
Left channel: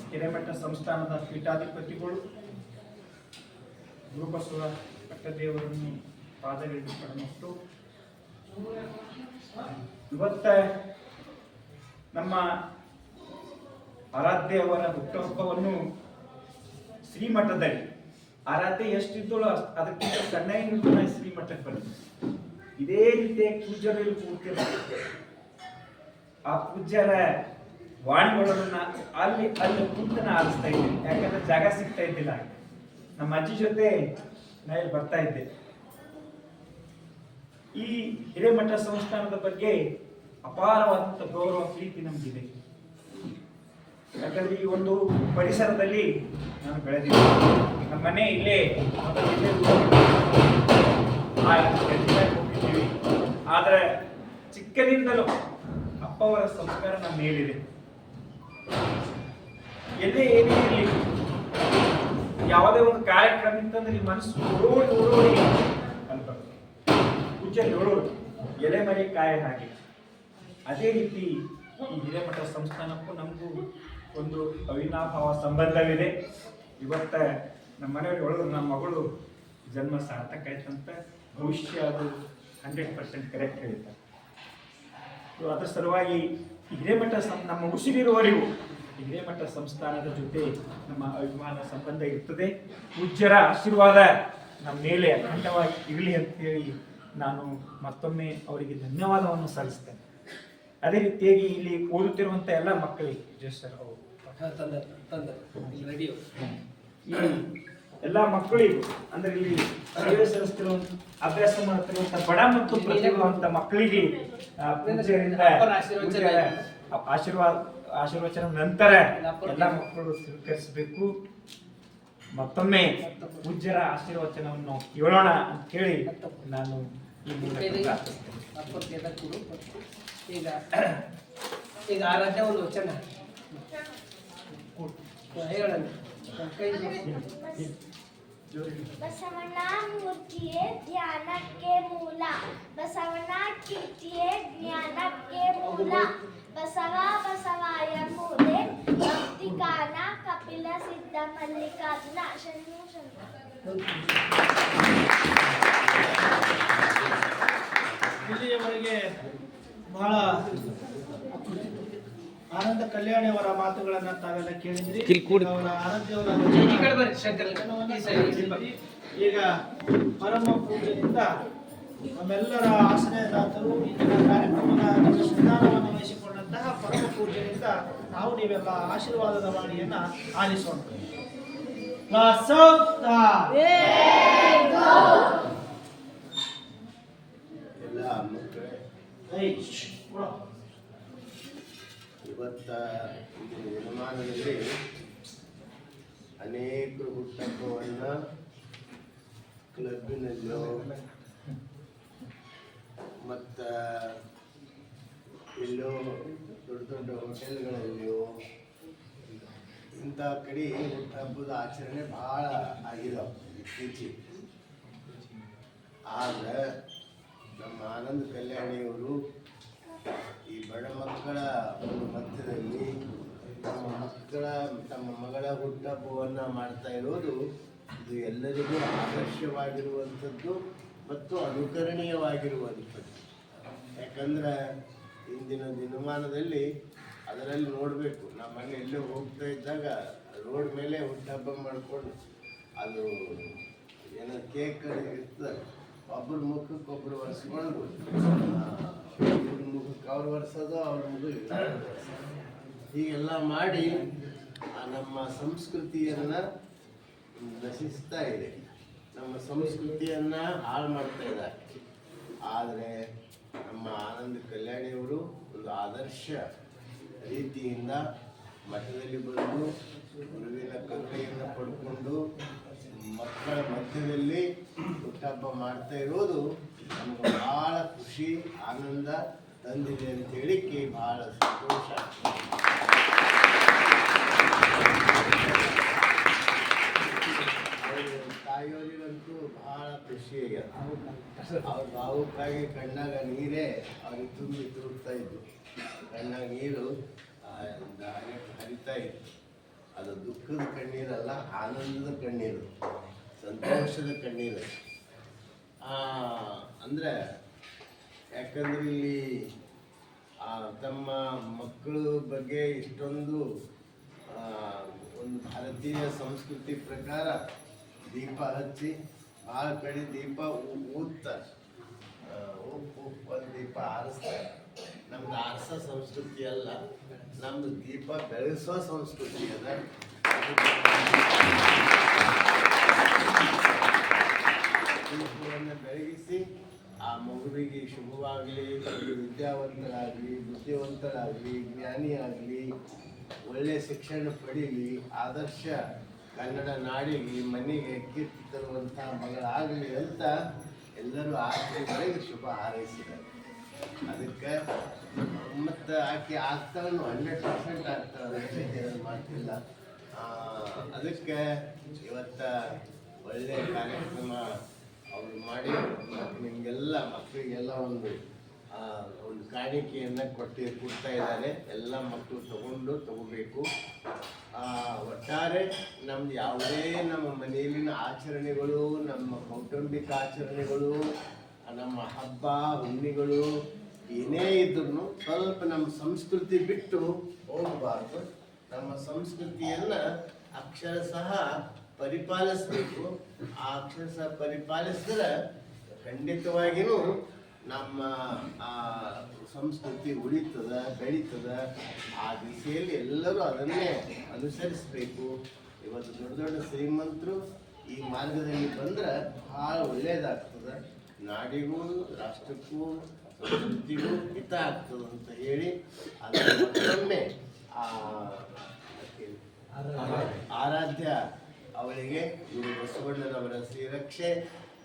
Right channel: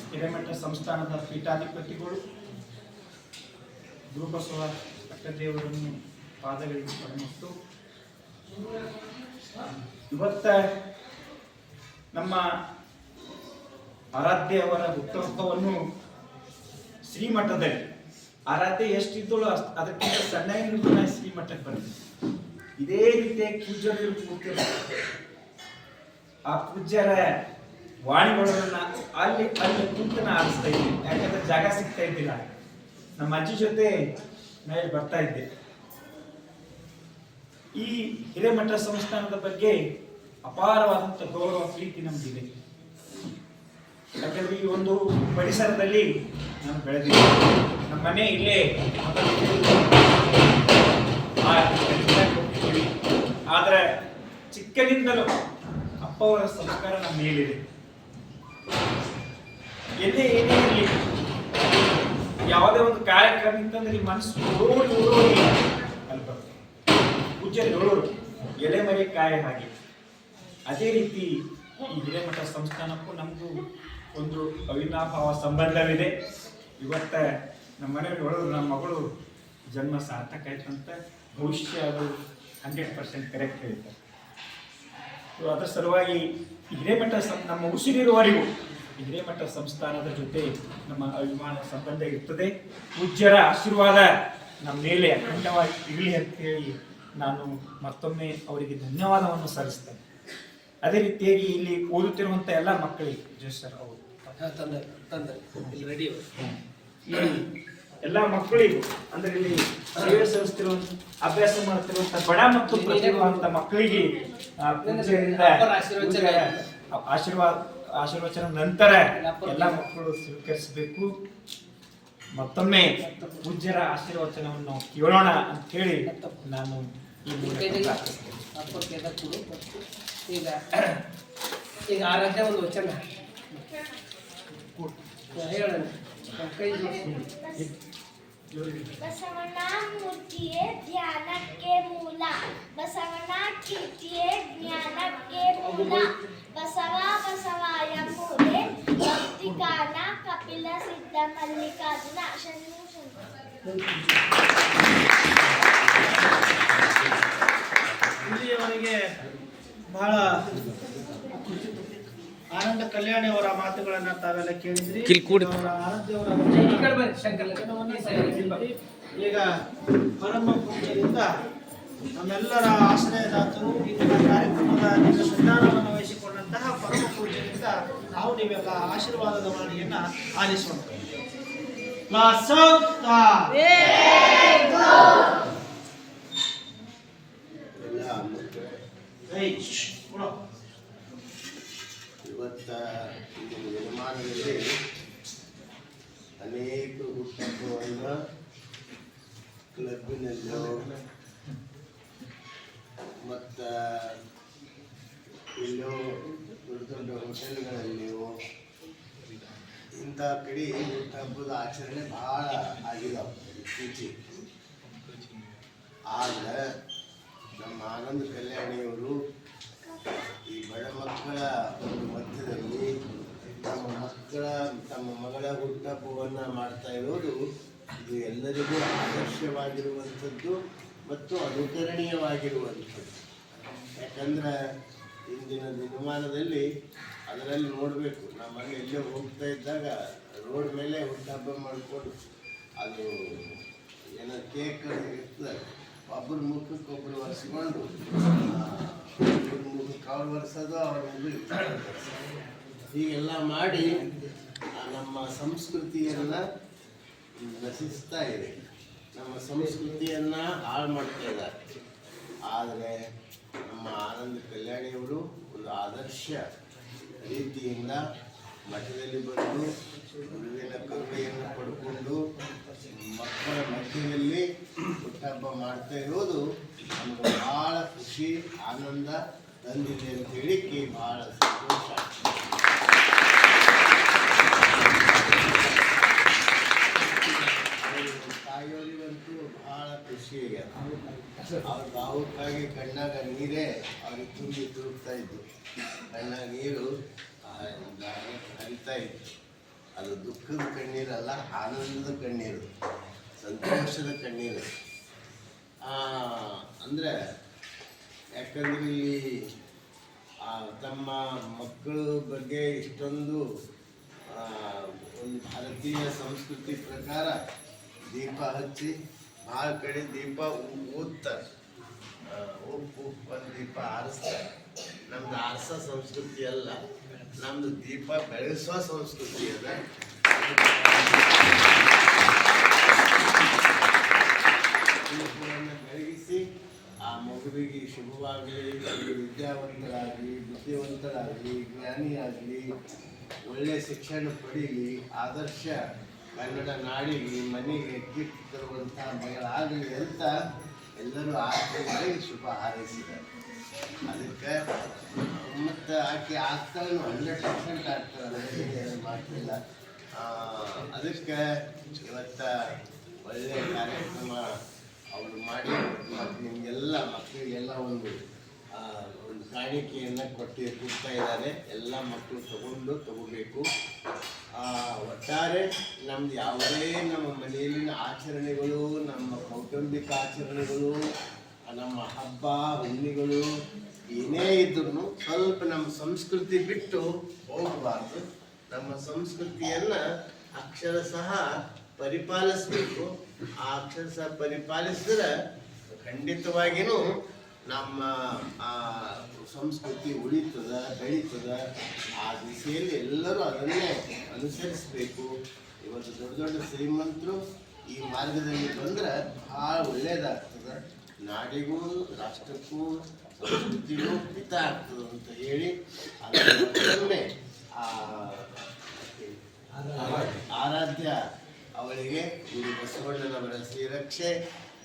ಹಿರೇಮಠ ಸಂಸ್ಥಾನದ ಪೀಠಾಧಿಪತಿಗಳು ಗುರುಬಸವ ಪಟ್ಟದೇವರನ್ನು ಪಾದಗಳಿಗೆ ಪಡಮಟ್ಟು ಇವತ್ತ ನಮ್ಮ ಆರಾಧ್ಯ ಅವರ ಹುಟ್ಟುಹಬ್ಬವನ್ನು ಶ್ರೀಮಠದಲ್ಲಿ ಆರಾಧ್ಯ ಎಷ್ಟಿದ್ದಳು ಅದಕ್ಕಿಂತ ಸಣ್ಣ ಈ ಮಟ್ಟಕ್ಕೆ ಬರುತ್ತೆ. ಇದೇ ರೀತಿಯಾಗಿ ಪೂಜ್ಯರು ಕೂತಿರ್ತಾರೆ. ಆ ಪೂಜ್ಯರ ವಾಣಿಗಳನ್ನ ಅಲ್ಲಿ ಕುಂತನ ಆರಿಸ್ತಾ ಇದ್ದೆ, ಯಾಕಂದ್ರೆ ಜಾಗ ಸಿಗ್ತಾ ಇದ್ದಿಲ್ಲ. ನಮ್ಮ ಅಜ್ಜಿ ಜೊತೆ ನಾನು ಬರ್ತಾ ಇದ್ದೆ. ಈ ಹಿರೇಮಠ ಸಂಸ್ಥಾನದ ಬಗ್ಗೆ ಅಪಾರವಾದಂಥ ಗೌರವ ಪ್ರೀತಿ ನಮ್ಗಿದೆ. ಯಾಕಂದ್ರೆ ಈ ಒಂದು ಪರಿಸರದಲ್ಲಿ ನಾನು ಬೆಳೆದಿದ್ದೆ. ನಮ್ಮ ಮನೆ ಇಲ್ಲೇ ಹೋಗಿದ್ದೀವಿ. ಆದ್ರೆ ಚಿಕ್ಕನಿಂದಲೂ ಅಪ್ಪ ಅವರ ಸಂಸ್ಕಾರ ನಮ್ಮ ಮೇಲಿದೆ. ಎಲ್ಲೇ ಏನೇ ಇರಲಿ, ಯಾವುದೇ ಒಂದು ಕಾರ್ಯಕ್ರಮ ಅಂತಂದ್ರೆ ಈ ಮನಸ್ಸು ಓಡೋಡಿ ಅಲ್ಲಿ ಬರ್ತದೆ. ಪೂಜ್ಯರು ಹೇಳೋರು ಎಲೆ ಮರೆ ಕಾಯ ಹಾಗೆ. ಅದೇ ರೀತಿ ಈ ಹಿರೇಮಠ ಸಂಸ್ಥಾನಕ್ಕೂ ನಮಗೂ ಒಂದು ಅವಿನಾಭಾವ ಸಂಬಂಧವಿದೆ. ಇವತ್ತ ನಮ್ಮ ಮನೆಯವ್ರು ಹೇಳೋರು ನಮ್ಮ ಮಗಳು ಜನ್ಮ ಸಾರ್ಥಕ ಆಯ್ತಂತ. ಭವಿಷ್ಯ ಅದು 100% ಕರೆಕ್ಟ್ ಹೇಳ್ತಾರೆ. ಅದರ ಸಲುವಾಗಿ ಹಿರೇಮಠ ನಮ್ಮ ಉಸಿರಿರುವವರೆಗೂ ಹಿರೇಮಠ ಸಂಸ್ಥಾನದ ಜೊತೆ ನಮ್ಮ ಅಭಿಮಾನ ಸಂಬಂಧ ಇರ್ತದೆ. ಪೂಜ್ಯರ ಆಶೀರ್ವಾದ ನಮ್ಮ ಮೇಲೆ ಅಖಂಡವಾಗಿ ಇರಲಿ ಅಂತ ಹೇಳಿ ನಾನು ಮತ್ತೊಮ್ಮೆ ಅವರಿಗೆ ಧನ್ಯವಾದವನ್ನು ಸಲ್ಲಿಸ್ತೇನೆ. ಅದೇ ರೀತಿಯಾಗಿ ಇಲ್ಲಿ ಓದುತ್ತಿರುವಂಥ ಎಲ್ಲ ಮಕ್ಕಳಿಗೆ ಜಯಸರ್ ಅವರು ಈ ಎಲ್ಲ ಮಕ್ಕಳಿಗೂ ಅಂದ್ರೆ ಇಲ್ಲಿ ಸೇವೆ ಸಲ್ಲಿಸ್ತಿರುವಂತ ಅಭ್ಯಾಸ ಮಾಡ್ತಿರುವಂತ ಬಡ ಮತ್ತು ಪ್ರತಿಭಾವಂತ ಮಕ್ಕಳಿಗೆ ಆಶೀರ್ವಚನ ನಂತರ ಎಲ್ಲ ಮಕ್ಕಳು ಸ್ವೀಕರಿಸಬೇಕು. ಮತ್ತೊಮ್ಮೆ ಪೂಜ್ಯರ ಆಶೀರ್ವಚನವನ್ನು ನಾವು ಕೇಳೋಣ ಅಂತ ಹೇಳಿ ನಾನು ಈ ಮೂಲಕ ಈಗ ಆರಾಧ್ಯ ಒಂದು ವಚನ ಹೇಳೋಣ. ಬಸವಣ್ಣ ಮೂರ್ತಿಯೇ ಧ್ಯಾನಕ್ಕೆ ಮೂಲ, ಬಸವಣ್ಣ ಕೀರ್ತಿಯೇ ಜ್ಞಾನಕ್ಕೆ ಮೂಲ, ಬಸವ ಬಸವಾಯ ಮೂಲೆ ಭಕ್ತಿಕಾನ ಕಪಿಲ ಸಿದ್ಧ ಮಲ್ಲಿಕಾರ್ಜುನ ಶರಣು ಇಲ್ಲಿಯವರೆಗೆ ಬಹಳ ಆನಂದ ಕಲ್ಯಾಣಿ ಅವರ ಮಾತುಗಳನ್ನ ತಾವೆಲ್ಲ ಕೇಳಿದ್ರಿ. ಅವರ ಈಗ ಪರಮ ಪೂಜ್ಯರಿಂದ ನಮ್ಮೆಲ್ಲರ ಆಶ್ರಯದಾತರು ಇಂದಿನ ಕಾರ್ಯಕ್ರಮದ ಸಂಧಾನವನ್ನು ವಹಿಸಿಕೊಂಡಂತಹ ಪರಮ ಪೂಜ್ಯರಿಂದ ನಾವು ನೀವೆಲ್ಲ ಆಶೀರ್ವಾದದ ವಾಣಿಯನ್ನ ಆಲಿಸೋಣ. ಇವತ್ತ ಇಂದಿನ ದಿನಮಾನದಲ್ಲಿ ಅನೇಕ ಹುಟ್ಟಹಬ್ಬವನ್ನು ಕ್ಲಬ್ಬಿನಲ್ಲೋ ಮತ್ತು ಎಲ್ಲೋ ದೊಡ್ಡ ದೊಡ್ಡ ಹೋಟೆಲ್ಗಳಲ್ಲಿಯೋ ಇಂಥ ಕಡೆ ಹುಟ್ಟಹಬ್ಬದ ಆಚರಣೆ ಭಾಳ ಆಗಿದಾವೆ ಇತ್ತೀಚೆಗೆ. ಆದರೆ ನಮ್ಮ ಆನಂದ ಕಲ್ಯಾಣಿಯವರು ಈ ಬಡ ಮಕ್ಕಳ ಒಂದು ಮಧ್ಯದಲ್ಲಿ ತಮ್ಮ ಮಗಳ ಹುಟ್ಟಹಬ್ಬವನ್ನು ಮಾಡ್ತಾ ಇರೋದು ಇದು ಎಲ್ಲರಿಗೂ ಆದರ್ಶವಾಗಿರುವಂಥದ್ದು ಮತ್ತು ಅನುಕರಣೀಯವಾಗಿರುವಂಥದ್ದು. ಯಾಕಂದ್ರೆ ಇಂದಿನ ದಿನಮಾನದಲ್ಲಿ ಅದರಲ್ಲಿ ನೋಡಬೇಕು, ನಮ್ಮಲ್ಲಿ ಎಲ್ಲೋ ಹೋಗ್ತಾ ಇದ್ದಾಗ ರೋಡ್ ಮೇಲೆ ಹುಟ್ಟಹಬ್ಬ ಮಾಡಿಕೊಂಡು ಅದು ಏನೋ ಕೇಕ್ ಇರ್ತದೆ, ಒಬ್ಬರ ಮುಖಕ್ಕೆ ಒಬ್ಬರು ಒರೆಸ್ಕೊಂಡು ಇವ್ರ ಮುಖಕ್ಕೆ ಅವ್ರು ಒರೆಸೋದು, ಅವ್ರ ಮುಖಕ್ಕೆ ಹೀಗೆಲ್ಲ ಮಾಡಿ ನಮ್ಮ ಸಂಸ್ಕೃತಿಯನ್ನು ನಶಿಸ್ತಾ ಇದೆ, ನಮ್ಮ ಸಂಸ್ಕೃತಿಯನ್ನು ಹಾಳು ಮಾಡ್ತಾ ಇದ್ದಾರೆ. ಆದರೆ ನಮ್ಮ ಆನಂದ ಕಲ್ಯಾಣಿಯವರು ಒಂದು ಆದರ್ಶ ರೀತಿಯಿಂದ ಮಠದಲ್ಲಿ ಬಂದು ಗುರುವಿನ ಕರುಣೆಯನ್ನು ಪಡ್ಕೊಂಡು ಮಕ್ಕಳ ಮಧ್ಯದಲ್ಲಿ ಹುಟ್ಟಹಬ್ಬ ಮಾಡ್ತಾ ಇರೋದು ನಮ್ಗೆ ಭಾಳ ಖುಷಿ ಆನಂದ ತಂದಿದೆ ಅಂತ ಹೇಳಿಕ್ಕೆ ಭಾಳ ಸಂತೋಷ. ತಾಯಿಯವರಿಗಂತೂ ಭಾಳ ಖುಷಿ ಆಗ್ಯದ. ಅವ್ರ ಭಾವುಕಾಗಿ ಕಣ್ಣಾಗ ನೀರೇ ಅವ್ರಿಗೆ ತುಂಬಿ ತುರುಕ್ತಾ ಇದ್ದು, ಕಣ್ಣಾಗ ನೀರು ಹರಿತಾ ಇತ್ತು. ಅದು ದುಃಖದ ಕಣ್ಣೀರಲ್ಲ, ಆನಂದದ ಕಣ್ಣೀರು, ಸಂತೋಷದ ಕಣ್ಣೀರು. ಅಂದರೆ ಯಾಕಂದ್ರೆ ಇಲ್ಲಿ ತಮ್ಮ ಮಕ್ಕಳ ಬಗ್ಗೆ ಇಷ್ಟೊಂದು ಒಂದು ಭಾರತೀಯ ಸಂಸ್ಕೃತಿ ಪ್ರಕಾರ ದೀಪ ಹಚ್ಚಿ ಭಾಳ ಕಡೆ ದೀಪ ಊದ್ತಾರೆ, ಉಪ್ಪು ಒಂದು ದೀಪ ಆರಿಸ್ತಾರೆ. ನಮ್ದು ಆರಿಸೋ ಸಂಸ್ಕೃತಿ ಅಲ್ಲ, ನಮ್ದು ದೀಪ ಬೆಳೆಸೋ ಸಂಸ್ಕೃತಿ ಅದ. ದೀಪವನ್ನು ಬೆಳಗಿಸಿ ಆ ಮಗುವಿಗೆ ಶುಭವಾಗಲಿ, ವಿದ್ಯಾವಂತರಾಗಲಿ, ಬುದ್ಧಿವಂತರಾಗಲಿ, ಜ್ಞಾನಿಯಾಗಲಿ, ಒಳ್ಳೆಯ ಶಿಕ್ಷಣ ಪಡೀಲಿ, ಆದರ್ಶ ಕನ್ನಡ ನಾಡಿಗೆ ಮನೆಗೆ ಕೀರ್ತಿ ತರುವಂಥ ಮಗಳಾಗಲಿ ಅಂತ ಎಲ್ಲರೂ ಆರ್ಥಿಕವಾಗಿ ಶುಭ ಹಾರೈಸಿದ್ದಾರೆ. ಅದಕ್ಕೆ ಮತ್ತು ಆಕೆ ಆಗ್ತಾಳು 100% ಆಗ್ತಾಳೆ, ಅದಕ್ಕೆ ಮಾಡ್ತಿಲ್ಲ. ಅದಕ್ಕೆ ಇವತ್ತು ಒಳ್ಳೆಯ ಕಾರ್ಯಕ್ರಮ ಅವರು ಮಾಡಿ ಮತ್ತು ನಿಮಗೆಲ್ಲ ಮಕ್ಕಳಿಗೆಲ್ಲ ಒಂದು ಕಾಣಿಕೆಯನ್ನು ಕೊಡ್ತಾ ಇದ್ದಾರೆ. ಎಲ್ಲ ಮಕ್ಕಳು ತಗೋಬೇಕು. ಒಟ್ಟಾರೆ ನಮ್ದು ಯಾವುದೇ ನಮ್ಮ ಮನೆಯಲ್ಲಿನ ಆಚರಣೆಗಳು, ನಮ್ಮ ಕೌಟುಂಬಿಕ ಆಚರಣೆಗಳು, ನಮ್ಮ ಹಬ್ಬ ಹುಣ್ಣಿಗಳು ಏನೇ ಇದ್ರೂ ಸ್ವಲ್ಪ ನಮ್ಮ ಸಂಸ್ಕೃತಿ ಬಿಟ್ಟು ಹೋಗಬಾರ್ದು. ನಮ್ಮ ಸಂಸ್ಕೃತಿಯನ್ನು ಅಕ್ಷರಶಃ ಪರಿಪಾಲಿಸಬೇಕು. ಆ ಅಕ್ಷರಶಃ ಪರಿಪಾಲಿಸಿದ್ರೆ ಖಂಡಿತವಾಗಿಯೂ ನಮ್ಮ ಸಂಸ್ಕೃತಿ ಉಳಿತದ, ಬೆಳೀತದ. ಆ ದಿಸೆಯಲ್ಲಿ ಎಲ್ಲರೂ ಅದನ್ನೇ ಅನುಸರಿಸಬೇಕು. ಇವತ್ತು ದೊಡ್ಡ ದೊಡ್ಡ ಶ್ರೀಮಂತರು ಈ ಮಾರ್ಗದಲ್ಲಿ ಬಂದ್ರೆ ಭಾಳ ಒಳ್ಳೆಯದಾಗ್ತದೆ, ನಾಡಿಗೂ ರಾಷ್ಟ್ರಕ್ಕೂ ಸಂಸ್ಕೃತಿಗೂ ಹಿತ ಆಗ್ತದೆ ಅಂತ ಹೇಳಿ ಅದನ್ನೇ ಆರಾಧ್ಯ ಅವಳಿಗೆ ಗುರು ಬಸವಣ್ಣನವರ ಶ್ರೀರಕ್ಷೆ,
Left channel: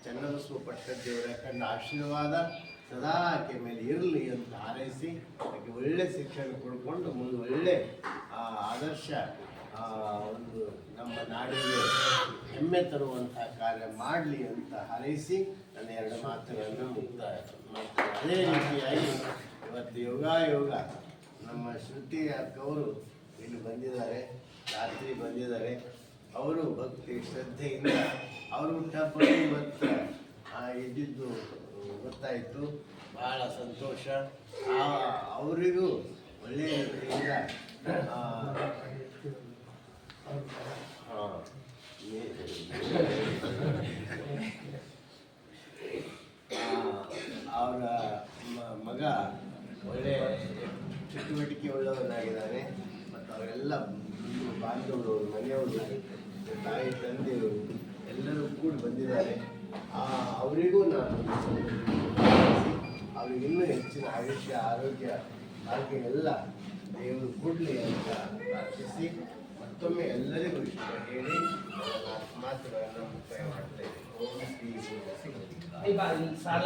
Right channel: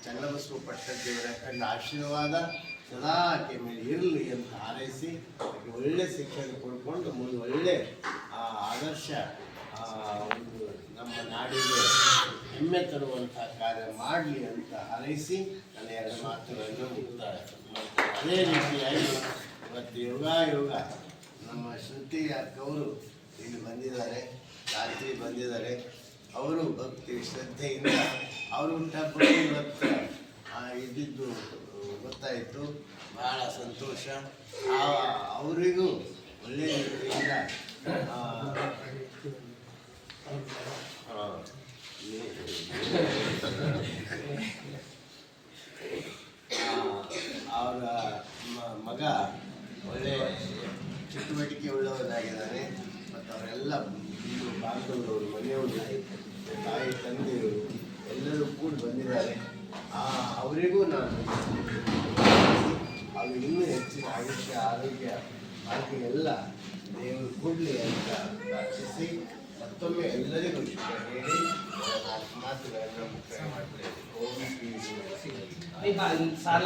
ಚನ್ನಬಸವ ಪಟ್ಟದೇವರ ಕಂಡ ಆಶೀರ್ವಾದ ಸದಾ ಆಕೆ ಮೇಲೆ ಇರಲಿ ಅಂತ ಹಾರೈಸಿ ಆಕೆ ಒಳ್ಳೆ ಶಿಕ್ಷಣ ಕೊಡ್ಕೊಂಡು ಮುಂದೆ ಒಳ್ಳೆ ಆದರ್ಶ ಒಂದು ನಮ್ಮ ನಾಡಿಗೆ ಹೆಮ್ಮೆ ತರುವಂಥ ಕಾರ್ಯ ಮಾಡಲಿ ಅಂತ ಹಾರೈಸಿ ನನ್ನ ಎರಡು ಮಾತುಗಳನ್ನು ಮುಕ್ತಾಯ ಮಾಡ್ತಾರೆ. ಅದೇ ರೀತಿಯಾಗಿ ಇವತ್ತು ಯೋಗ ನಮ್ಮ ಶ್ರುತಿ ಅಕ್ಕವರು ಇಲ್ಲಿ ಬಂದಿದ್ದಾರೆ, ರಾತ್ರಿ ಬಂದಿದ್ದಾರೆ. ಅವರು ಭಕ್ತಿ ಶ್ರದ್ಧೆಯಿಂದ ಅವರು ಹುಟ್ಟಹಬ್ಬ ಇವತ್ತು ಇದ್ದಿದ್ದು ಗೊತ್ತಾಯಿತು. ಭಾಳ ಸಂತೋಷ. ಅವರಿಗೂ ಒಳ್ಳೆಯ ರೀತಿಯಿಂದ ಅವರ ಮಗ ಒಳ್ಳೆಯ ಚಟುವಟಿಕೆ ಉಳ್ಳವರಾಗಿದ್ದಾರೆ. ಮತ್ತು ಅವರೆಲ್ಲ ಬಾಂಧವರು, ಮನೆಯವರು, ತಾಯಿ ತಂದೆಯವರು ಎಲ್ಲರೂ ಕೂಡ ಬಂದಿದ್ದಾರೆ. ಅವರಿಗೂ ನಾನು ಅವ್ರಿಗೆ ಇನ್ನೂ ಹೆಚ್ಚಿನ ಆಯುಷ್ಯ, ಆರೋಗ್ಯ, ಭಾಗ್ಯ ಎಲ್ಲ ದೇವರು ಕೊಡಲಿ ಅಂತ ಪ್ರಾರ್ಥಿಸಿ ಮತ್ತೊಮ್ಮೆ ಎಲ್ಲರಿಗೂ ಶುಭ ಹೇಳಿ ನಾಲ್ಕು ಮಾತುಗಳನ್ನು ಮುಕ್ತಾಯ ಮಾಡ್ತೇನೆ. ಸಾಲ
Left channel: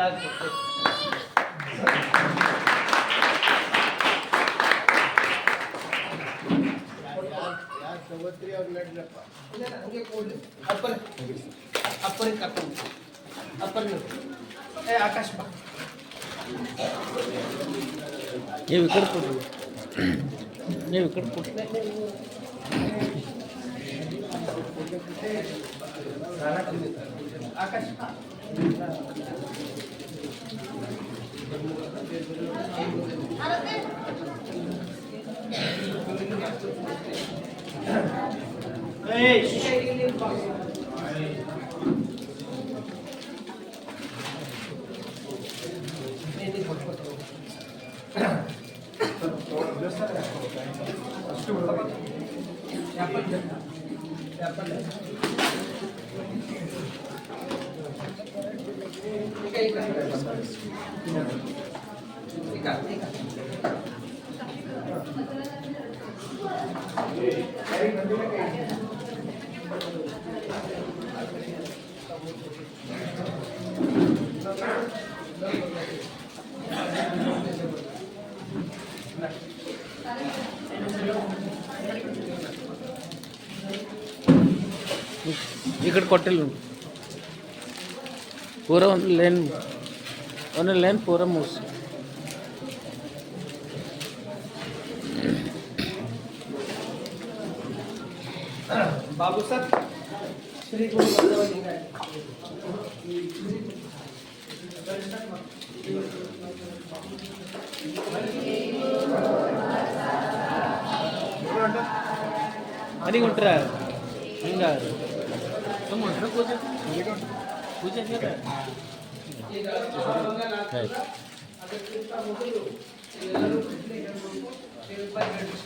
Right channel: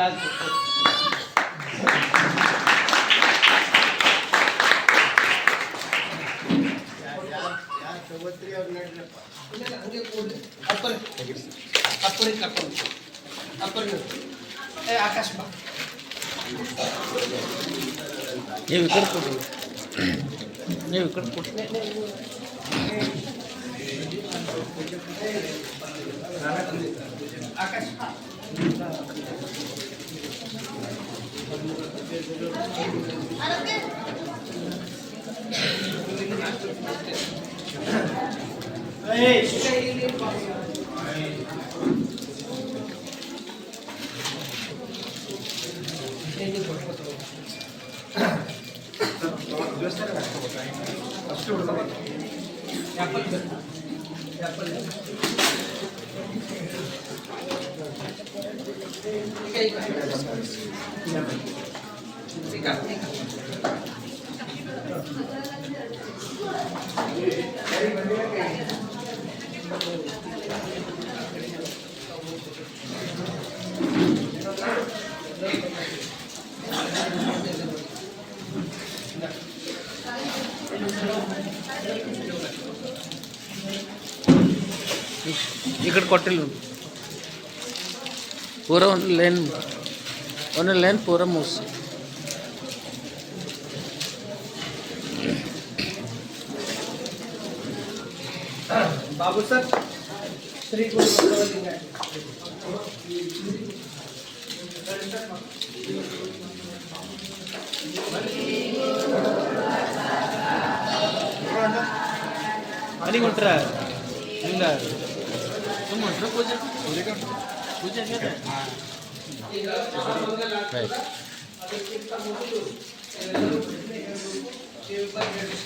ಯಾರು ತಗೋತ್ರಿ ಅವ್ರು ನಡ್ರಪ್ಪ. ಹಂಗೆ ಕೂಡಲಿ ಅಪ್ಪನಿಗೆ ಕರ್ಕೊಂಡು ಆಕಾಶ್ ಬಾ. ನೀವು ಈ ಕಡೆ ಕೊಡ್ರಿ, ನೀವು ಈ ಕಡೆ ಕೊಡ್ರಿ. ಆಕಾಶ್ ಬಾ. ఇక్కడ కొట్టలు పూరా లేన్ పూరా మూసి बाबू सर श्री गुरु बसवलिंगाय ಮನೆಗೆ ಹೊಂಟ್ರ ಹಿಂಗ ಸುಮ್ಮ ಈಗ ಅದಕ್ಕಿಂತ ಮೊದಲು ಎಲ್ಲರೂ ಶಿವಬಾಯಿ ಹೇಳಿ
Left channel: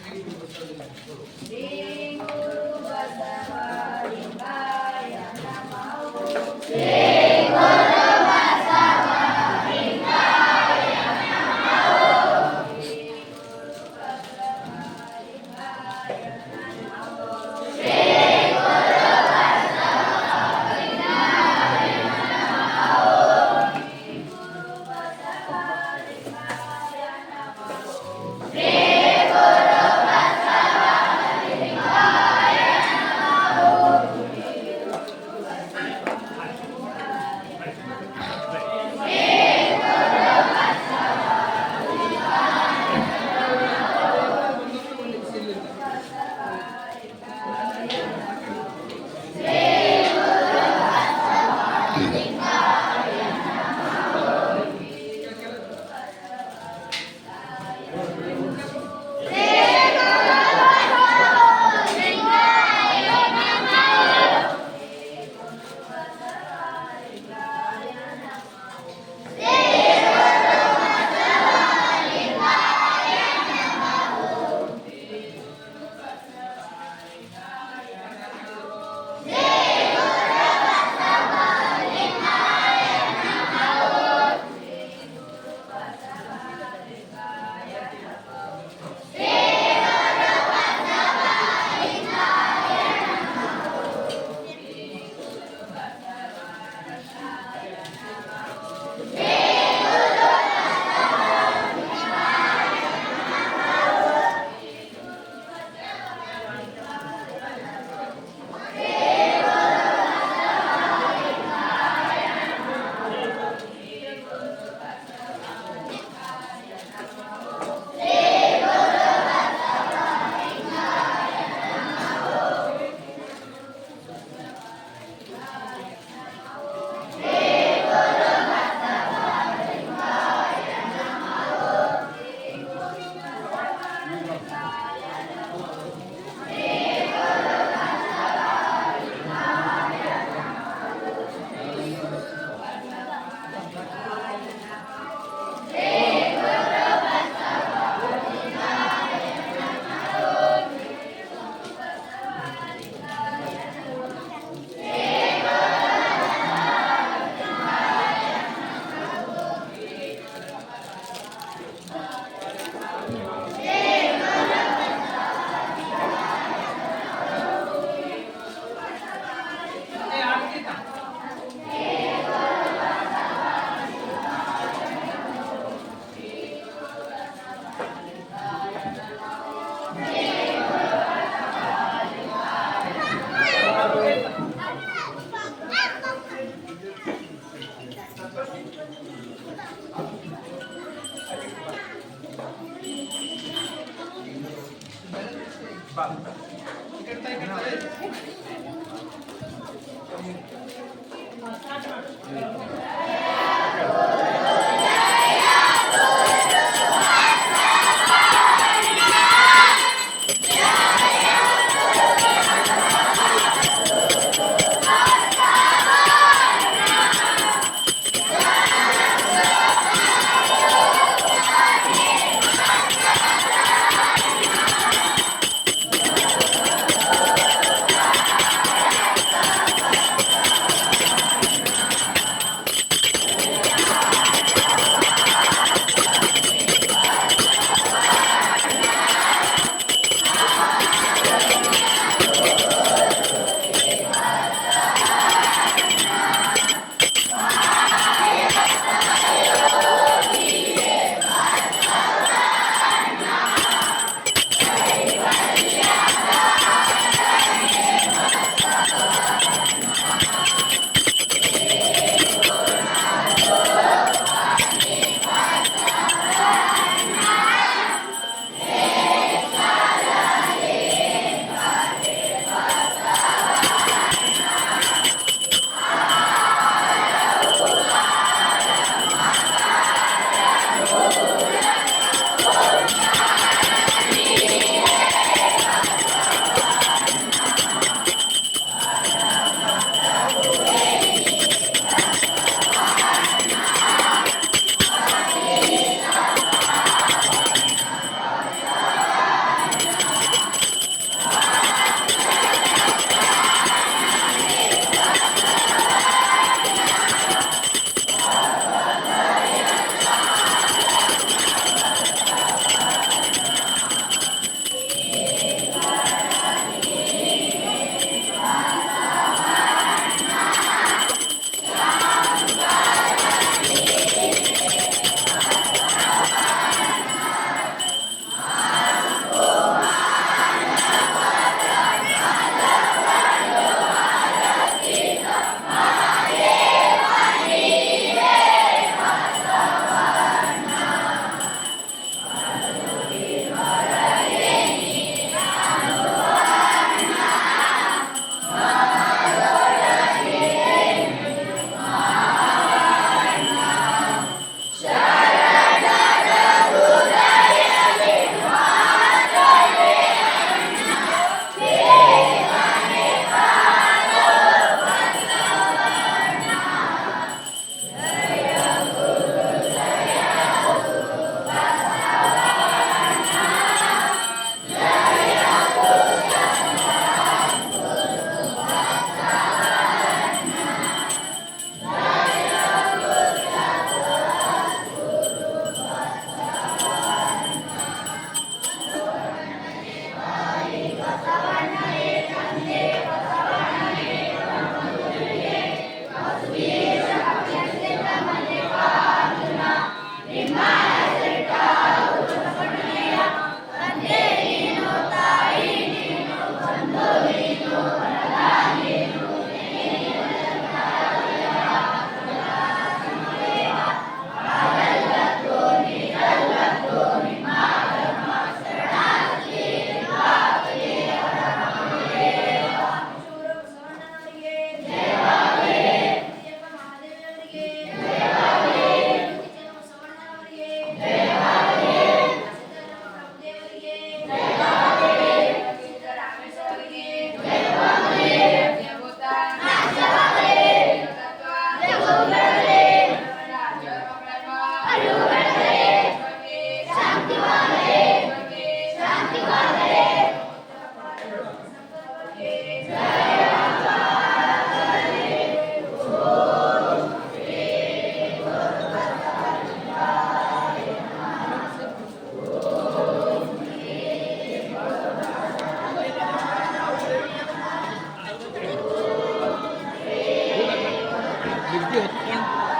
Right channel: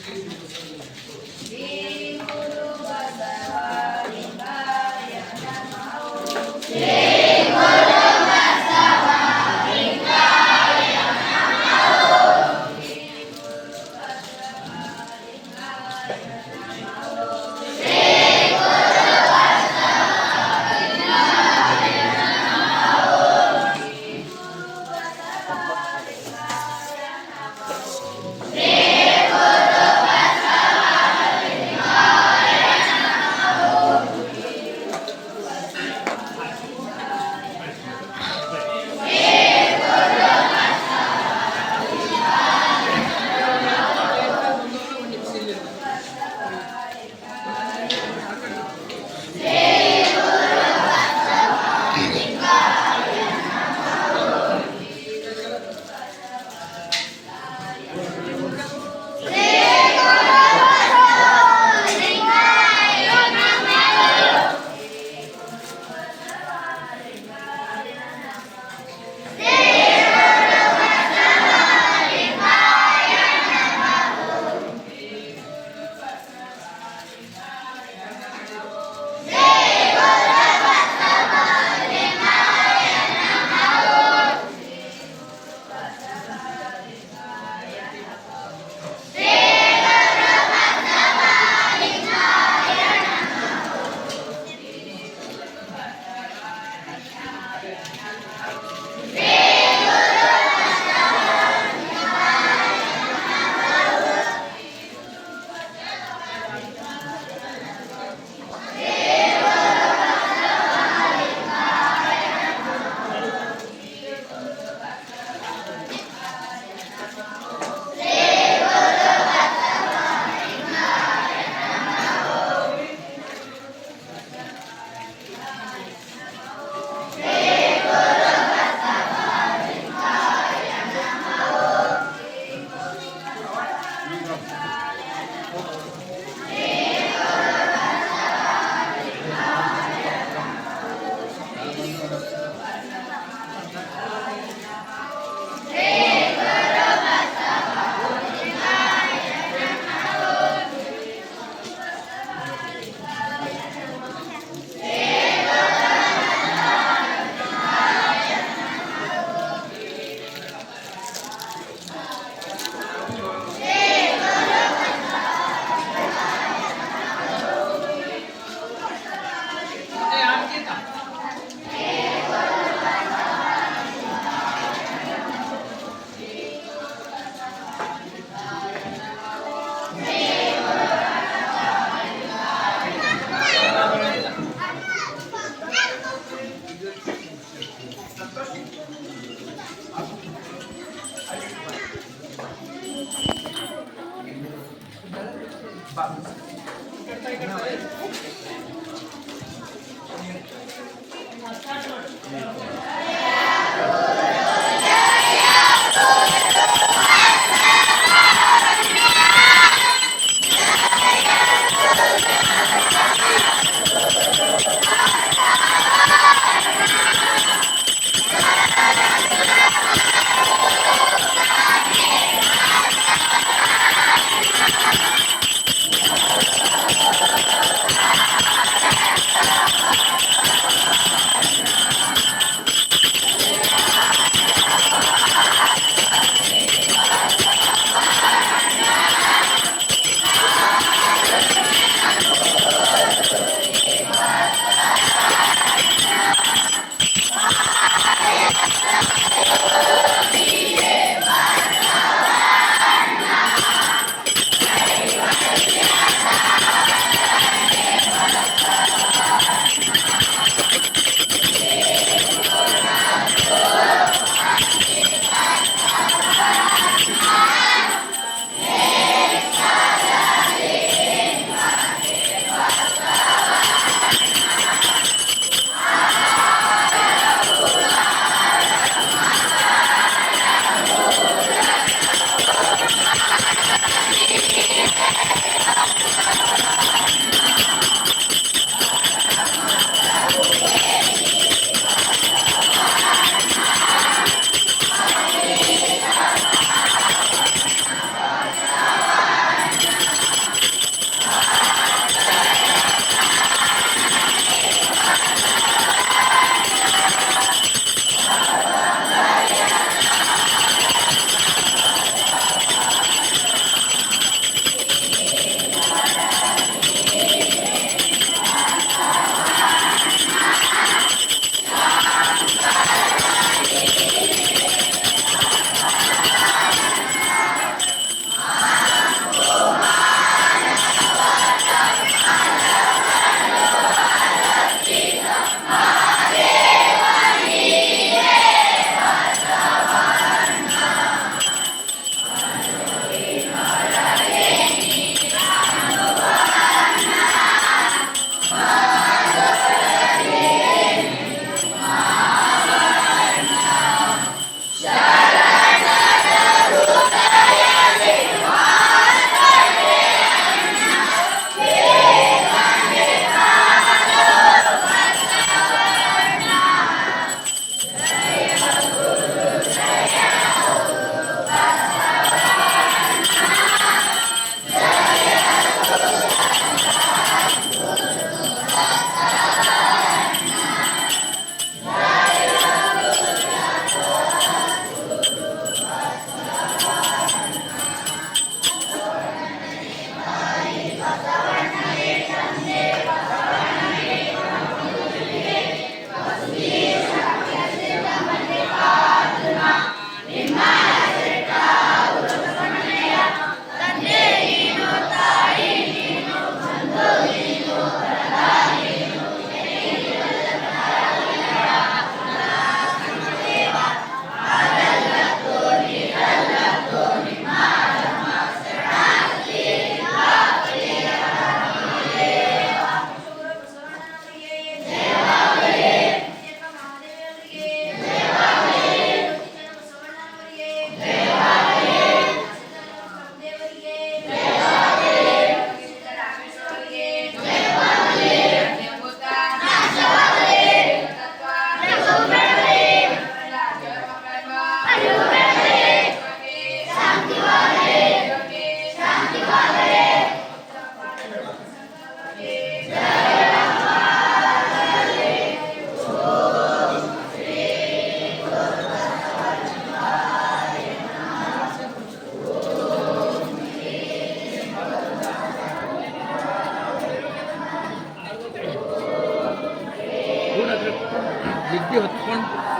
Thank you.